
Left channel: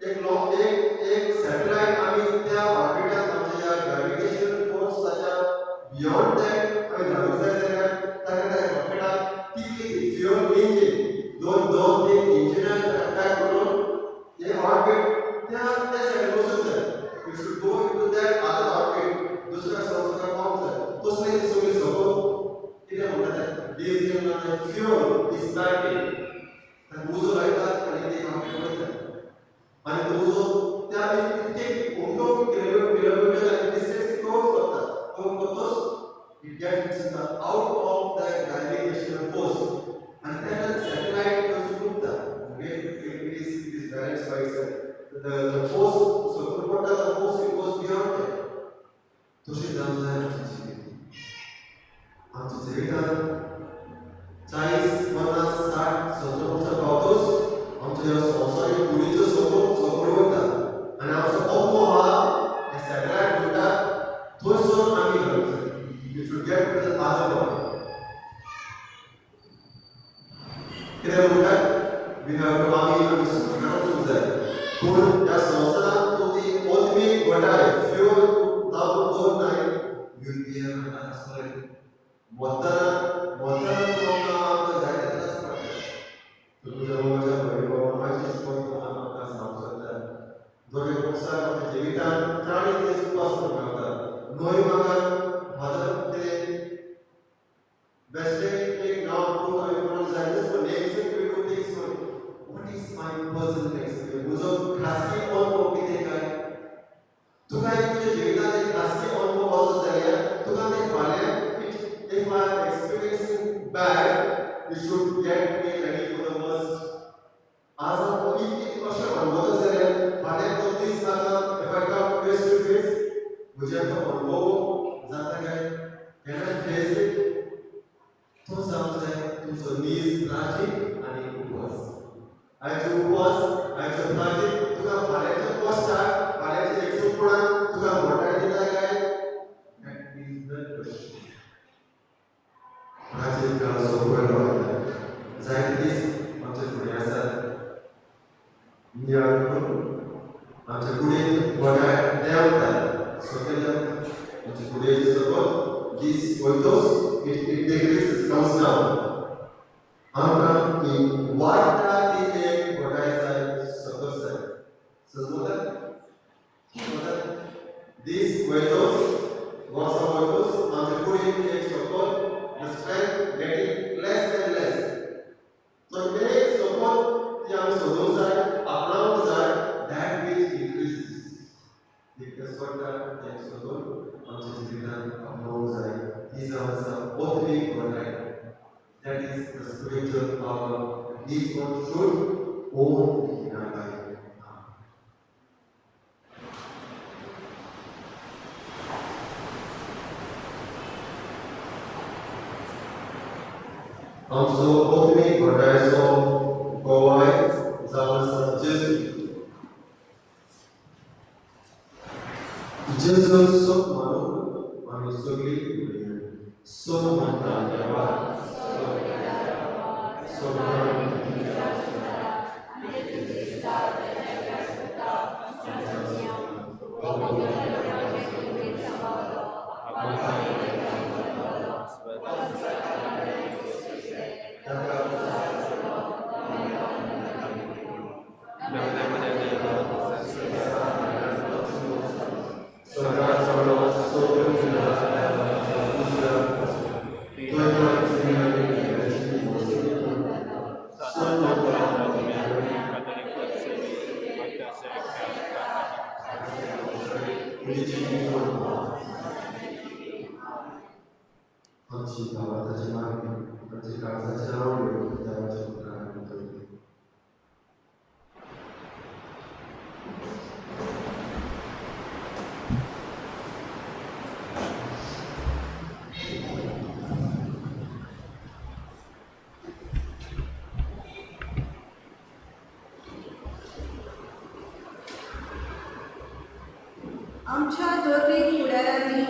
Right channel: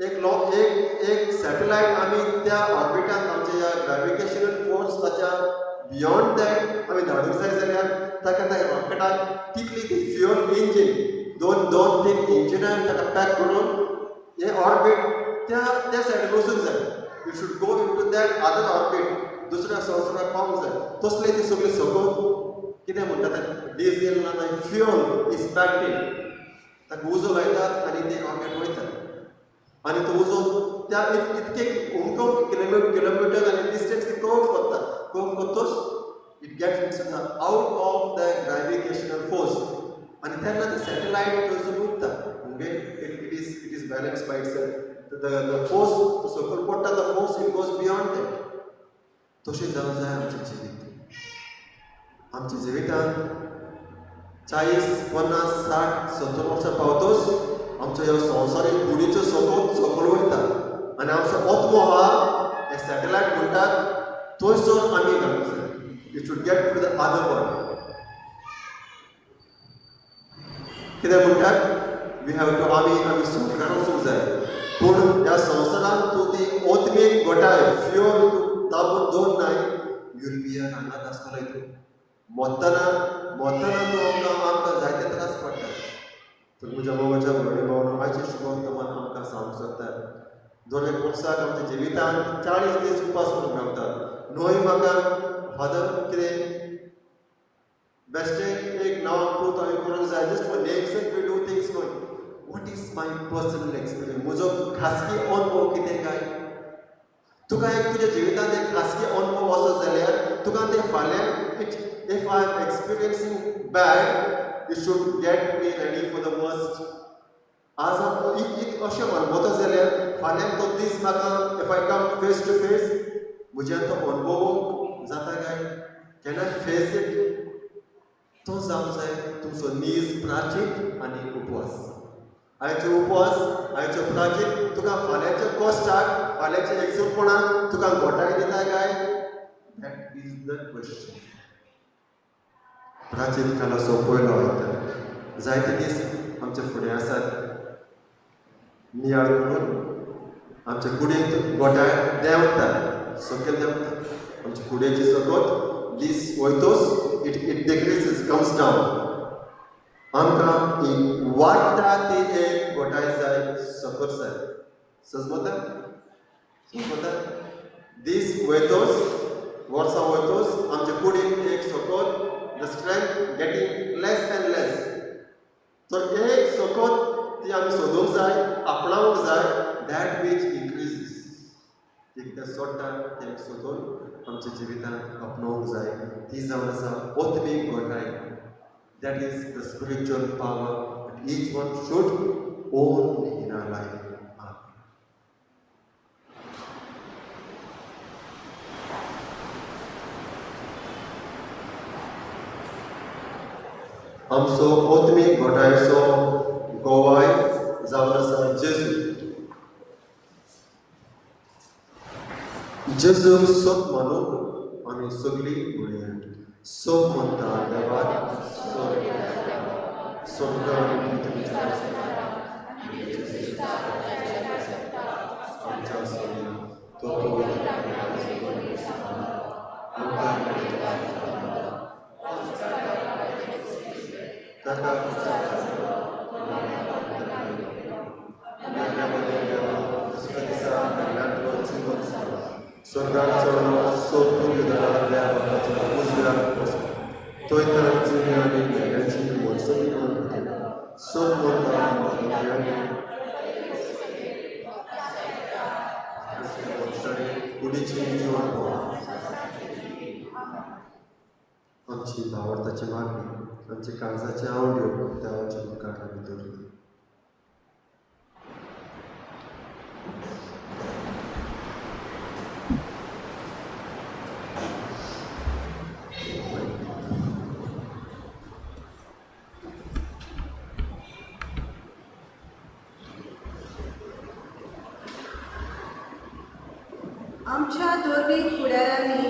एक सॅटेलायट आमी त्या ऑर्बिटांत आमच्या ह्या ग्रॅविटेशनल फोर्साच्या बियॉन्ड दॅट आमी धाडूंक जाय जाल्यार ताका त्या रॉकेटाक तितली ती फ्युअल इंजीन दोन 3 इंजिनां ताका पॅक करून हे ऑर्बिट त्या सायडीन वचूंक जाय. You should go into that other orbit. दुसऱ्या संवसाराक पावूंक जाय. तसले ती सगळी सकून कितें म्हणटा तें डिझेल ना फ्युअल इज पॅक्ड इन. ताका उजो लायतात आनी ते रॉकेट वयता. आनी तो उजो त्या इतके किलोमीटर आनी डिस्टन्स कवर करतोच it gets out of the gravitational force. आनी तेन्ना ते सॅटेलायट थंयसून उरता. Okay, it is balance by itself. The force सकयल पडटा, the force it goes beyond that. तशें जावंक जाय आमचें जिवीत. आमच्या जिवितांत 40, 50, 60, 70 वर्सां पावतोच आमचो ह्यो संवसारीक कुडीचो सकयल वयता. आनी आमचो आत्मो आहा हे सॅटेलायट म्हणटात थंयसर आमी घालूंक जाय. You should get to the other world. कितें म्हणटात वी हॅव टू आमी सुटका वचूंक जाय पूण ह्या संवसारांत तूं ती ओतमीक घोटाय फ्योर दोन नाय युरोपियन हांगाच आसतलें मोत्ताना तूं आमकां जायते त्रास पडटा तर तुज्या बाबाच्या भयणी शिकोवन तुम्हाला आमकां सांगूंक सोदता दोन एक वर्साक आमच्या जिवितांत 40 दीस उपास करूंक मेळटा न्हय म्हाका फादर कितें बेश्टें एक नांव तूं हांवें करूंक जाय just for next we do things for what is my personal experience म्हजो खासगी अनुभव कितें काय तुका एक तुज्या जिवितांत एक खासगी अनुभव असो जाल्यार तुका तें फाल्यां if I am experiencing bad you should get me ready for the worst आज हांव अशें अनुभवता जाल्यार फाल्यां तो दीस म्हाका if I come face to face म्हज्यान तो अनुभव जाता काय कॅन आय फेस इट तो जावंक जाय तुमचो नीज प्राचीन आनी उपवास आयचो उपवास आयचो प्राचीन तुका फाल्यांच्या कश्टाक फाल्यांच्या एकसुरपणान तुका घोटाय दिता काय दॅट इज द क्वेश्चन प्राचीन काळाचो पयलो जायते दीस आमचे फुडें आसात नियाळ करून आमच्या कुडींत घोटाय देंवता सकयल देंवता आमच्या कुडयेची सकयल दीस वयतोच it decreases comes down आमकां वाडटा ती एक घोटाय जाय सकयल जाय सजमता दीस वयतोच वर्सां वयतोच आमच्या कुडींत एक सकयल the strength getting less and less तर एक सकयल ती आमी सोदूंक जाय आपणावंक जाय दॅट वीच इनक्रीजीस एक तें सोडटा तें सोदून आमच्या जिवितांत आपणावंक जाय ती जावन आसा ओतमीक घोटाय that is the spiritual power each one should own in our life आमचो ओतमीक घोटायचो गोवाय जावन आसा जेजू सोप मानून आमी सगळीं घडोवया सोप म्हणटा देवाक आमची भावार्थाची मागणी आमचे काळजाचे आवडयो देवाच्या मुखार आमी दवरली आमच्या धर्मीक फुडाऱ्यांनी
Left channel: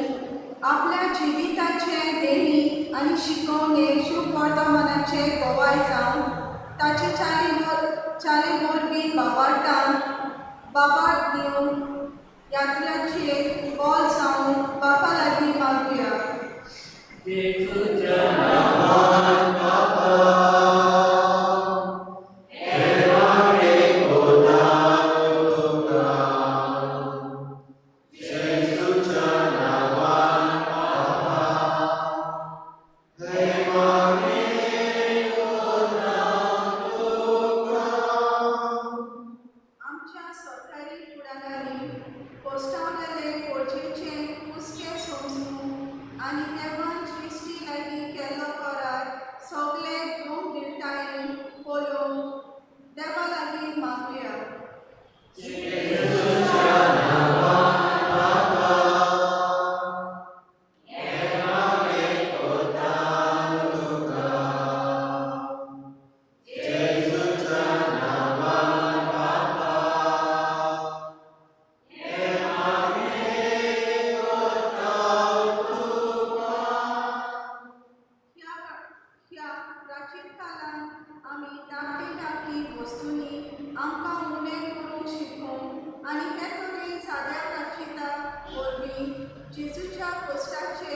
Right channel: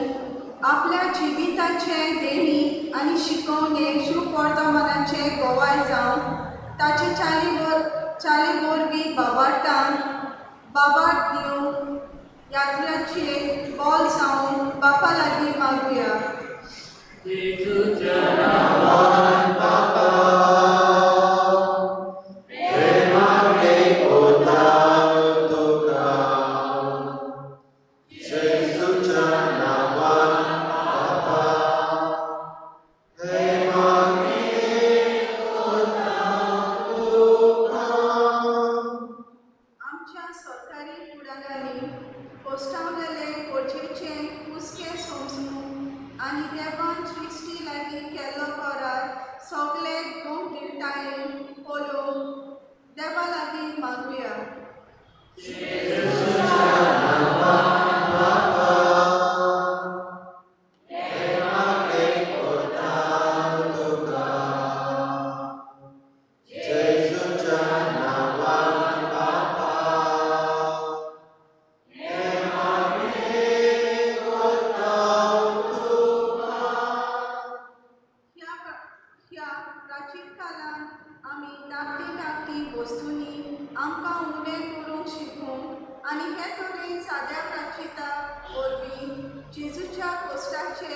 आपल्या जिविताचे देणी आनी शिकवणे शुभ वर्तमानाचे गोवाय जावन ताचे चाली वरवीं बाबाट दिवंक यात्रेचे बॉल जावन बापा लागीं मागुया पोस्टावलेले पोरचेचे कुसके समजून आनी देवान सृश्टी लागीं केल्लो करार सगळे गोम दिवटायेन पळोवन देवा लागीं मागुया जेजूच्या पोस्टाचे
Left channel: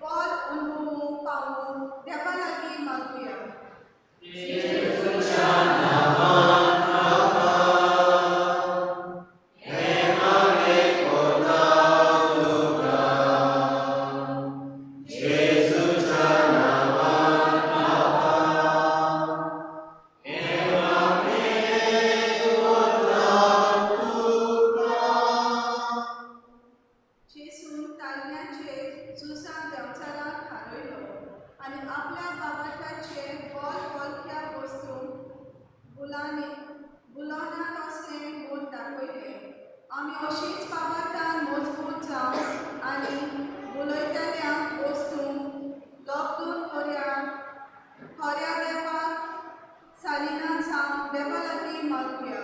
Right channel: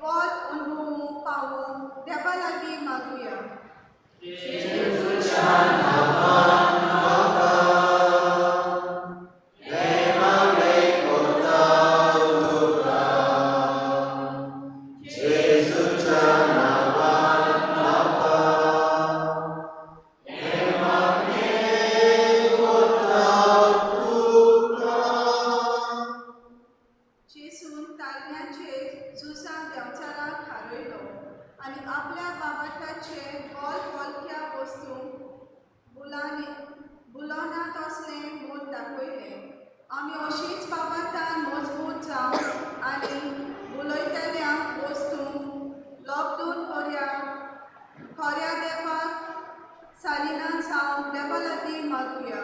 बॉल अनुभवूंक पावून देवा लागीं मागुया. जेसून ताल्ल्याचेर झुजाक देंवचाराक हारयलो आनी आपल्या बाबाटाचे बोलक्या वस्तूंक बुलोनांत असलें म्हूण दाखयलें. आमी अशींच बाबाटान मजबूत जावन आनी बुलयतल्या वस्तूंक लोबदून खऱ्या देवाक सालिना जावन देवा लागीं मागुया.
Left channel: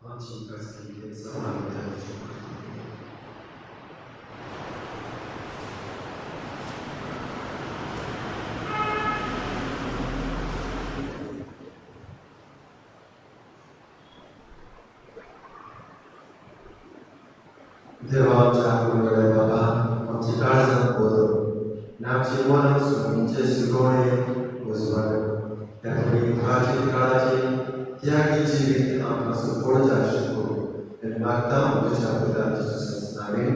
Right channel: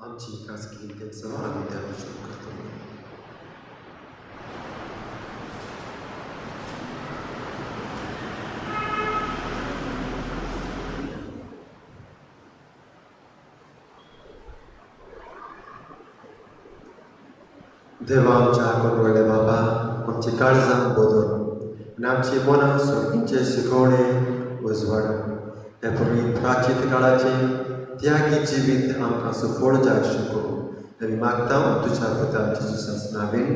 आमची खासगी देवाचो आमी देवाचो करतो. देवा आमच्या करुणे बाबा आमची काळजां बदल आनी आमची मनां सोडींचे शिकवणे उजवाड ह्या पवित्र काळाचे त्यागी जिवीत आमकां सुफळ जाय शिकोव आनी मागता तुज्या पुता जेजूसाच नांवें.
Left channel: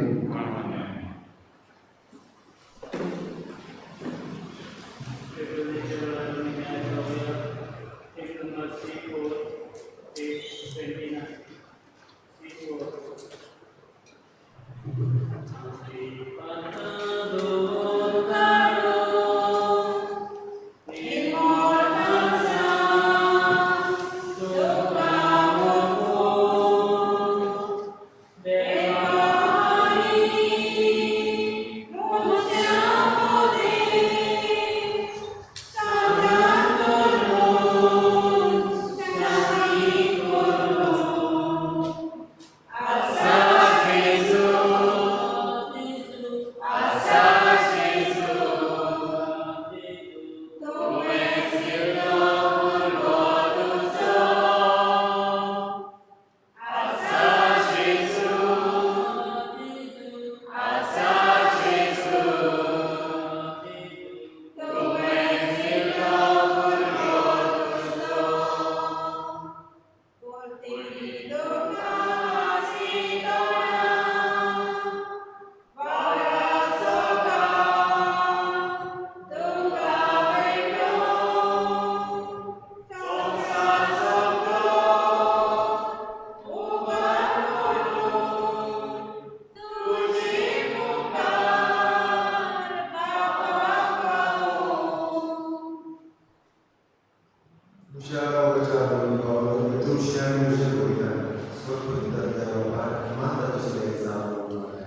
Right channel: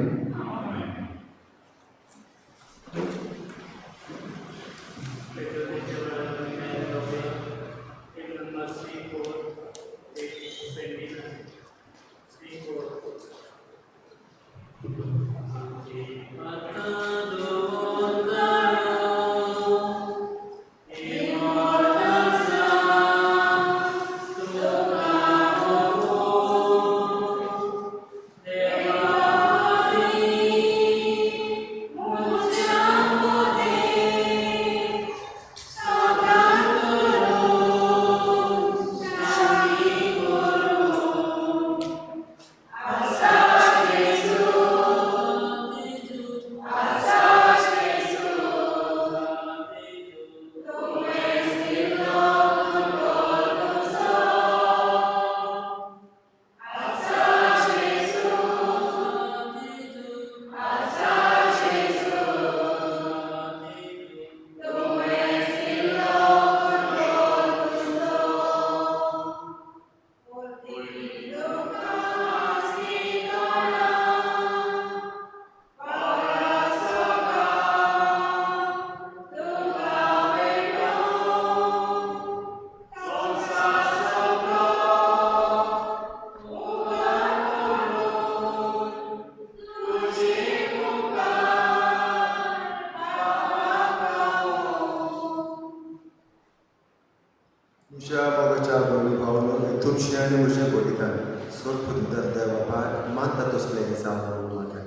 तुझ्या बाबाच्या बोली पावलो तुमची आनी म्हज्या बोलिकान सोड पुरतर देवा भायर मानता तसलें जावं लागलें.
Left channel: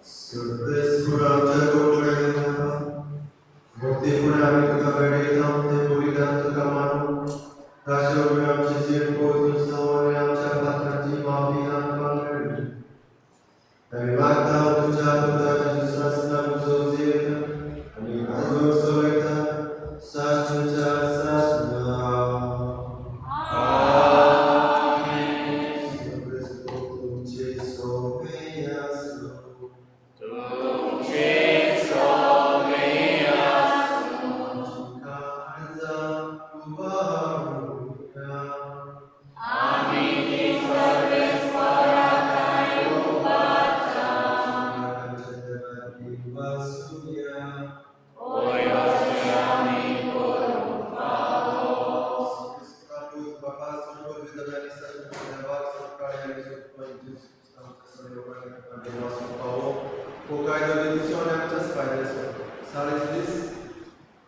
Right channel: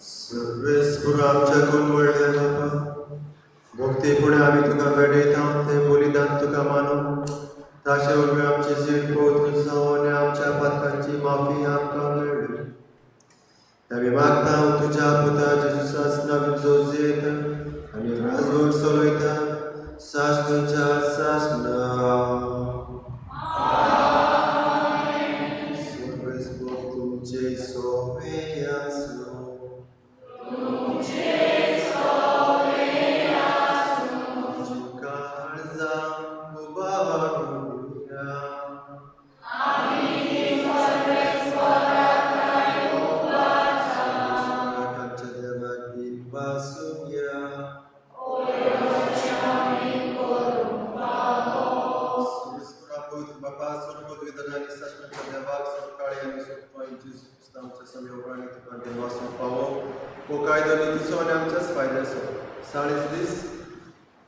सर्वेस्पुरा आमच्या कोलवडल्या बाबा भक्तीपुणे आमी तुका वेडयता ते बोलिदान तुका मानूं ताचे उपरांत आमची जीण पवित्र जावं आनी आमच्या पातकांची माफी आमकां मेळ्ळी. आमी मागता तुज्या पुता जेजूसाच नांव जोजेक आनी राजवंक चलयता साश्टच्या साश्ट. सर्वेस्पुरो तुमचे सोबे आसूं.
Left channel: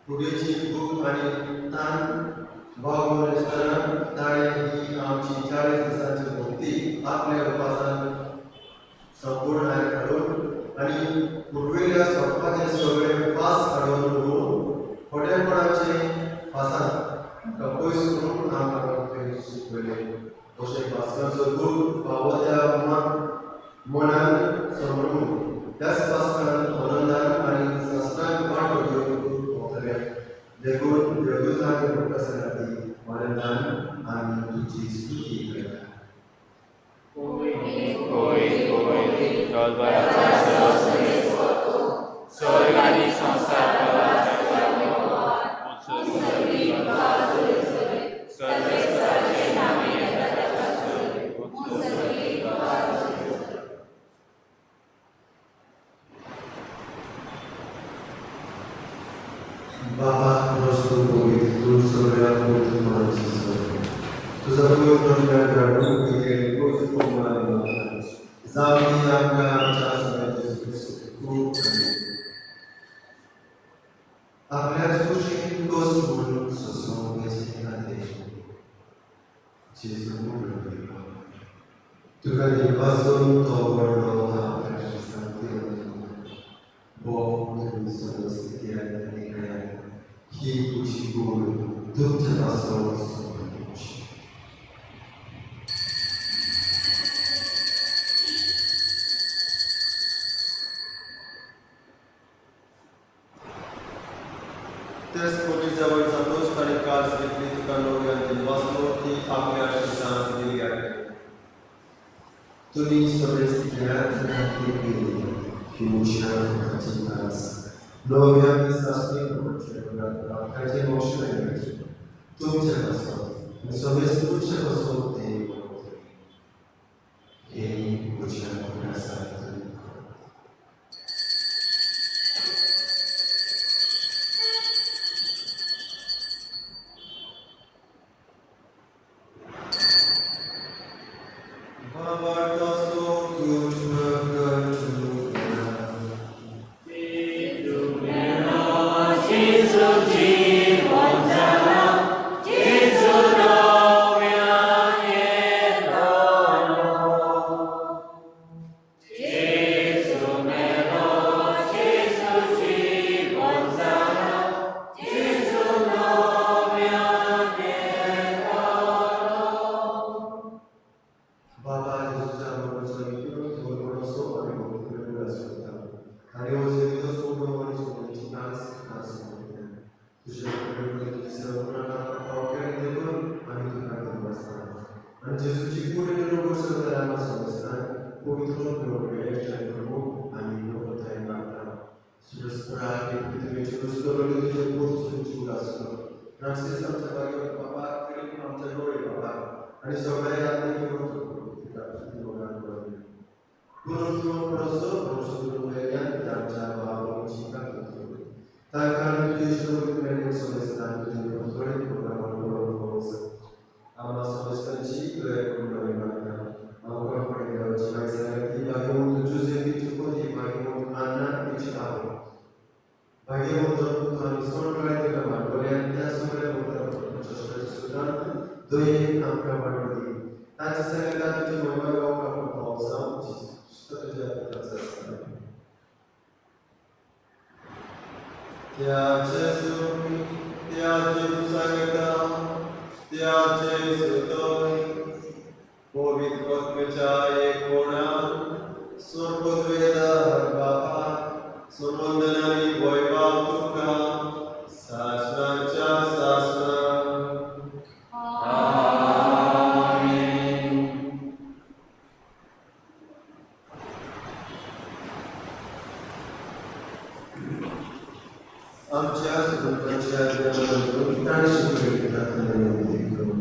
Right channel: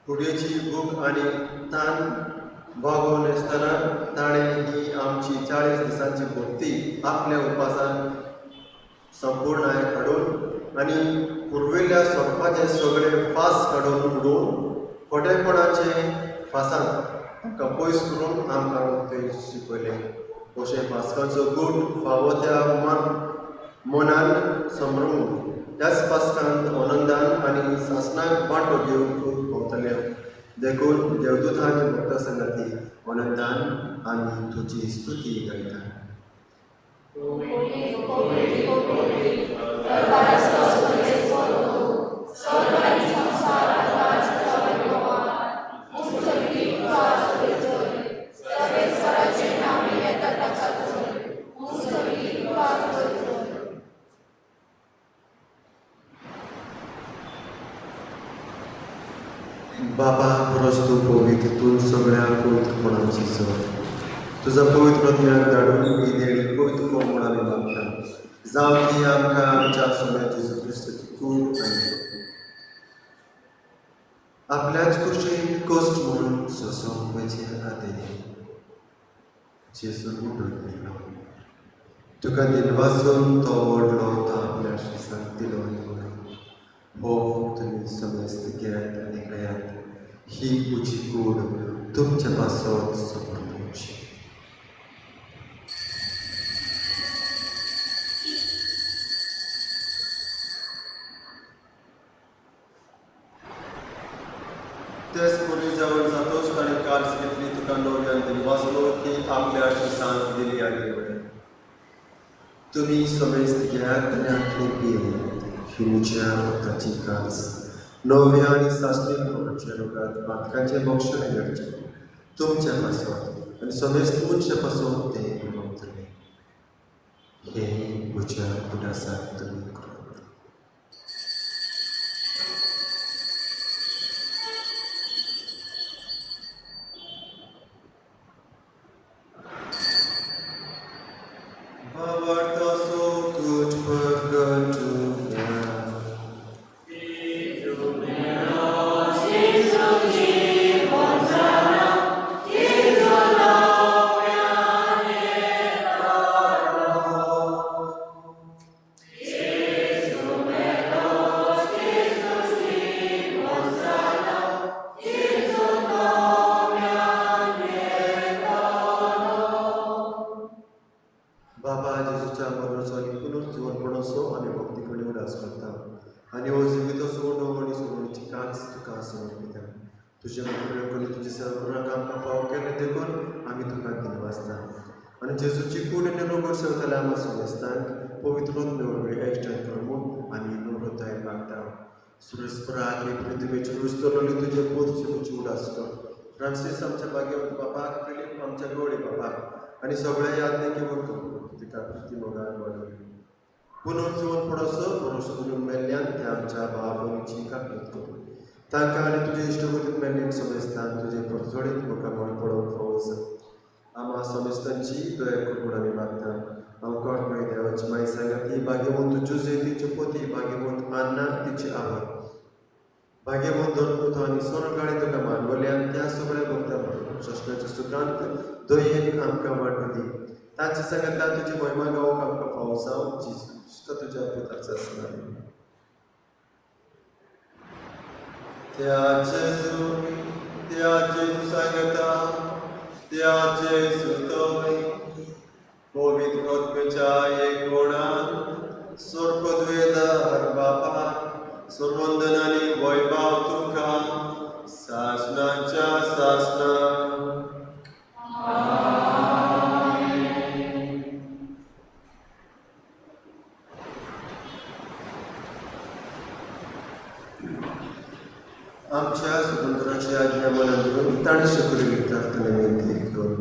फुडेची भूक आनी तान भागोवन आसतना ताणें ही आमची 40 दिसांची भक्ती आपल्या उपासान संपूर्ण हाडून आनी पुर्विल्ल्या सोंपपाचे सगळे फास काडून उडोवन खोटेपणाचे फासान ताका पयस करून आमकां शिकयले. अशें पास्काचो गूण फावो त्या मनान समरून त्याच पास्कांत आनंदान आनी सासणाक वांटो घेवन भोंवतले. देखून देवदूतांनी भोंवता सांगाती आनंदान आमी तुजी स्तुती करता. बाबा खरोच तूं पवित्र, तूं सगळ्या पवित्रपणाची सर. तुझा पवित्र दिव्यान घडून दिलेली पवित्र कोमळाने मागता. जावं ती आमकां आमच्या सगळ्या जेजू क्रिस्ताची खूब आपल्याच कुशीक कश्ट म्हणून सोंसूंक वेचे खातीर जेजू म्हणून गेलो. तुका निर्वासून तो व्हडलो तो आपल्या श्रीसाक दिलो. हो तुमी समस्त गिरायत आनी गयात ही तुजी कूड तुमच्या पासत समोरची. तेच पोलीस जवळ जातोच ताणें काल्स घेतली. तुका नवऱ्यान दिनवासलो ती आपल्या श्रीसांत दिली आनी तुमी समस्त गिरायत आनी पियेली ही म्हज्या रक्ताची कास. नव्या आनी साश्टीक लोकांच्या रोगात पातकांचे मोक्षण घेवचे तुमच्या पासत आनी समेस्त तुमच्या पासून ते मेळटले. हेही म्हज्या उदासाक तुमी करात. भावार्थासो तुझ भगत बाबा जेजूच्या बरोबरचो एकूणच जीवनपणाचो आमी भक्ती कडेन उदास करता आनी हो जिविताचो उडोव आनी सोडूची कास तुका समर्पिता. तुजे कडेन करून तुजी सर्वनाक आमकां फाव केले देखून आमी तुका दिनवासता आनी जेजूची कूड निरोग सरतल्या आमकां समजतान पवित्र मेळोवपी इश्टान करून आमी मोठोताय मागता. सुरस्पराक पृथ्वीची रुस्तरली तुजे पोस्ट तुजी उदास कर. फ्रांसीस आमच्या भाग्यवंत बापाक, फिलीप आमच्या गवळी बापाक आनी सगळ्या यात्रेक पुनः जीवन पडोसो भरोसो मेल्ल्यान ते आमच्या भावाची काकूत करून तांकां आनी तुजे इश्टभूत मेल्ल्यान समजतान तुजे परचोडीत लोकांक पडोवंक फवस. आम्हा समस्तांची दया करून आमी मागता. आमकां पळय देवाची माय सांगाती भाग्यवंत जुजे तिची पोती, भाग्यवंत आन्ना तिची आवय, भाग्यवंत दत्पुतो आनी सोनकाळी तुका मागवल्यान त्या सगळ्या भक्तांक शस्त्राच्या सुत्रांत दयेन आमकां वांटो दी. ताचे सांगात तुजी महिमा गावोवंक आमकां फावो जावं जिश्ट तुज्या पिताचा स्मरण. त्या जेजू सांगता त्या जेजू तोय पवित्र आत्म्याच्या एक कोणान सर्वद्वेदार बापा सर्वंदन आनी वैभव तुका सासणाच्या सासणा. आमच्या स्वतंत्राची आज्ञा मानून ताणे शकली प्रार्थना विनंती करून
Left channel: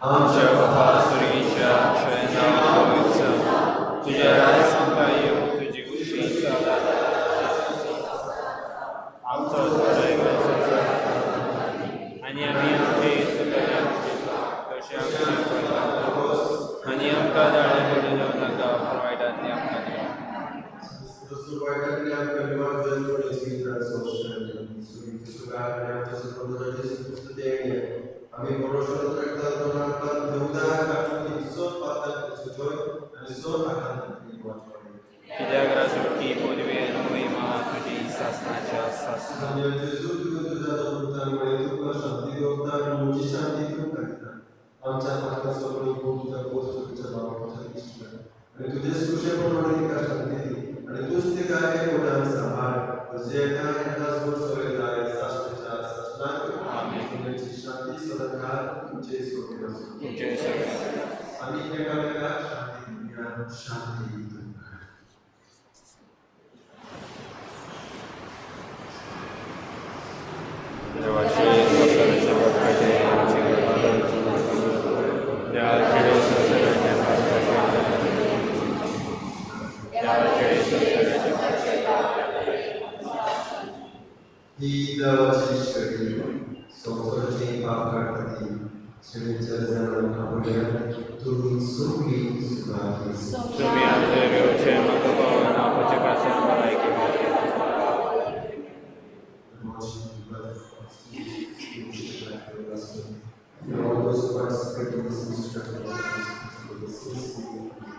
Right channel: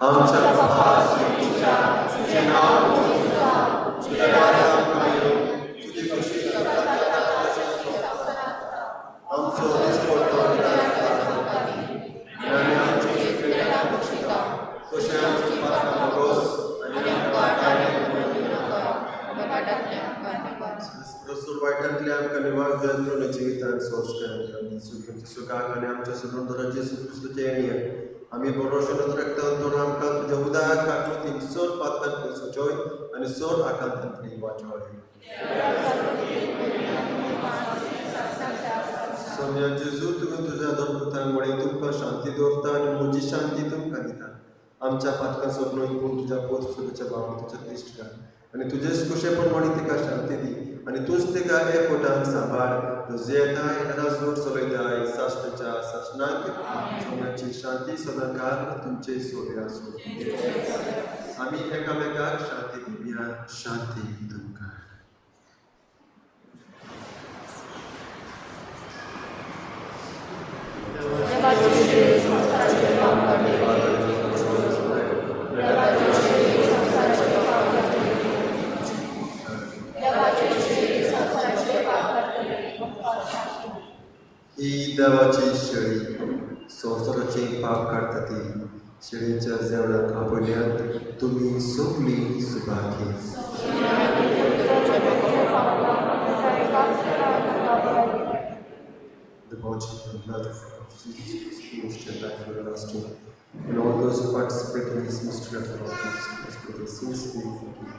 आमच्या बाबा स्वर्गीच्या तुझे नाव पूजित जावं, तुझे राज्य संपायो, तुझी कृपा आमचो आणि आमचे कशा आमचे पापोस आणि आमकां वायटांतल्या आमकां निवार करून जिवितांत संस्कार सुखाक आनी आमच्या सुंदराचे सुकृष्ट येणे आमी बरोवशें रखता तो आमकां देवदाक आमी चड पातळ सुचोय आनी चड आकांत वाचोय. आनी तुजेच कुशेपणाने तिका शांती दी आनी तूंच तिका हे पोटान सांबाळ तुजे येता जोड सवयताय साश्टाच्या साश्नाक सोन्याची शांती सदांकाळ तुमचे सोबे आसूं आमी एकामेकाक शांती दिवया शांती तुमकां ही देवाची शेळी संवसाराचे पाप काडटा ती शेळीच्या जेवणाक आपल्यात तुमी सगळीं सुखाकी The body and blood of Jesus who shed life for us to and all those who participate in this mystery of the Lord Jesus Christ for the sins we forgive.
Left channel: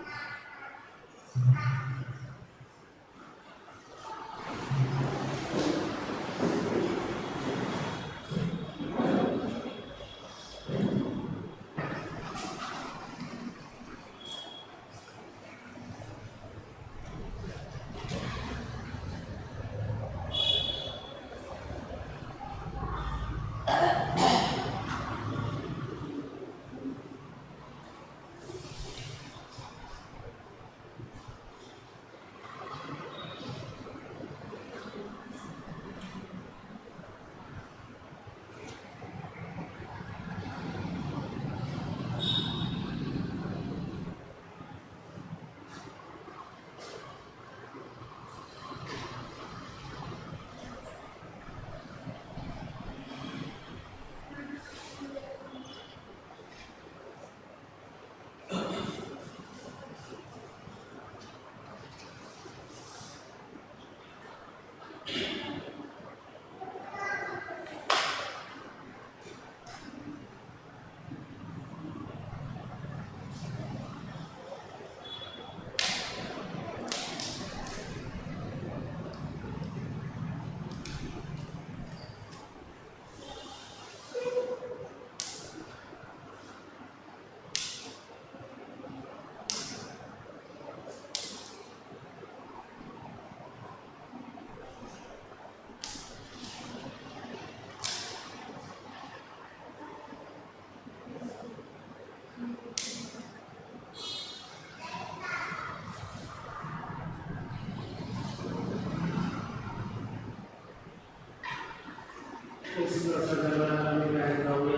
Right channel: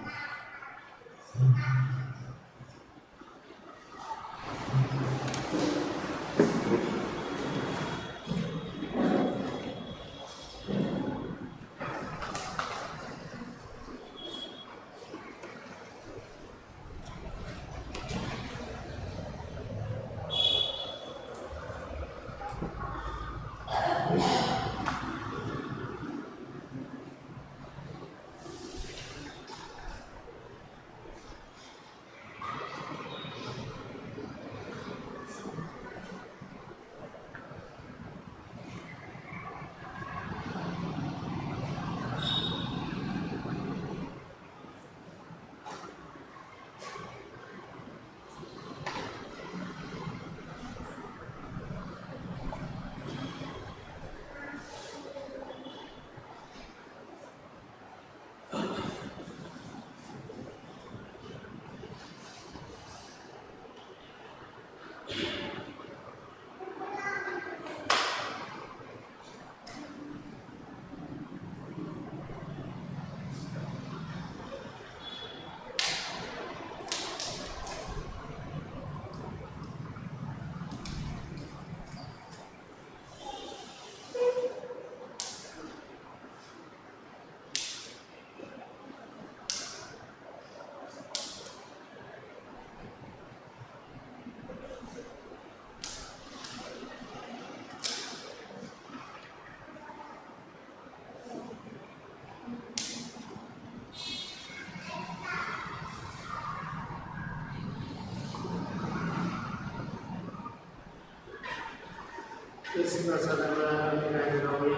Jesús salvará a mi gran gloria.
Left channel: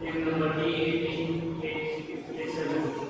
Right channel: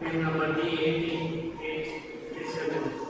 En nombre de Jesús.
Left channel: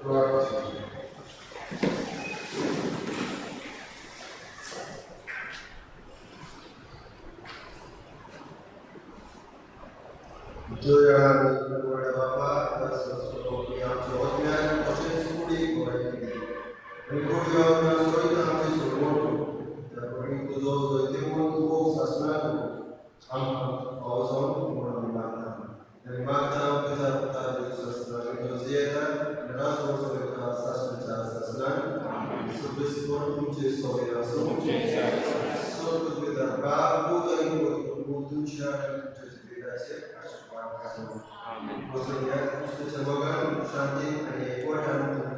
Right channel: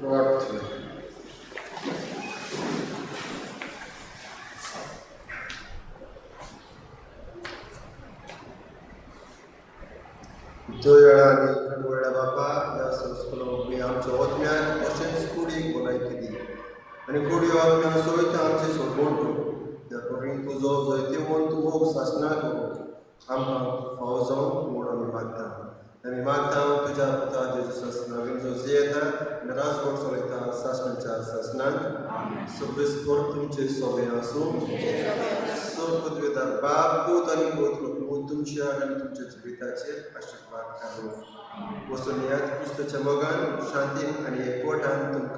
प्रार्थना. दयाळाने कडवड्या बापा या संस्कृती आमच्या ओतम्यान कशेंच कुडी कोणाय केली आणि कुडी आमच्या सोयता आमचे सोडवण त्या करून तुझो जैते म्हूण तूं मोग सासनाक आमकां फावो जावन म्हणून मागता आनी मागता तुज्या पुता जेजूस नांवान जो जियेता आनी रास वर्स वयता सासणाच्या सासनाक सर्वेस्पर तुमचे सोबे आसूं स्वर्गदूतार बाप पूत आनी पवित्र तुमच्या आनी तुमच्या जिविताचेर आशीर्वाद घालूं वचून यात क्रिस्तुच्या मोगान शांतीन आनी एकवटान तुमकां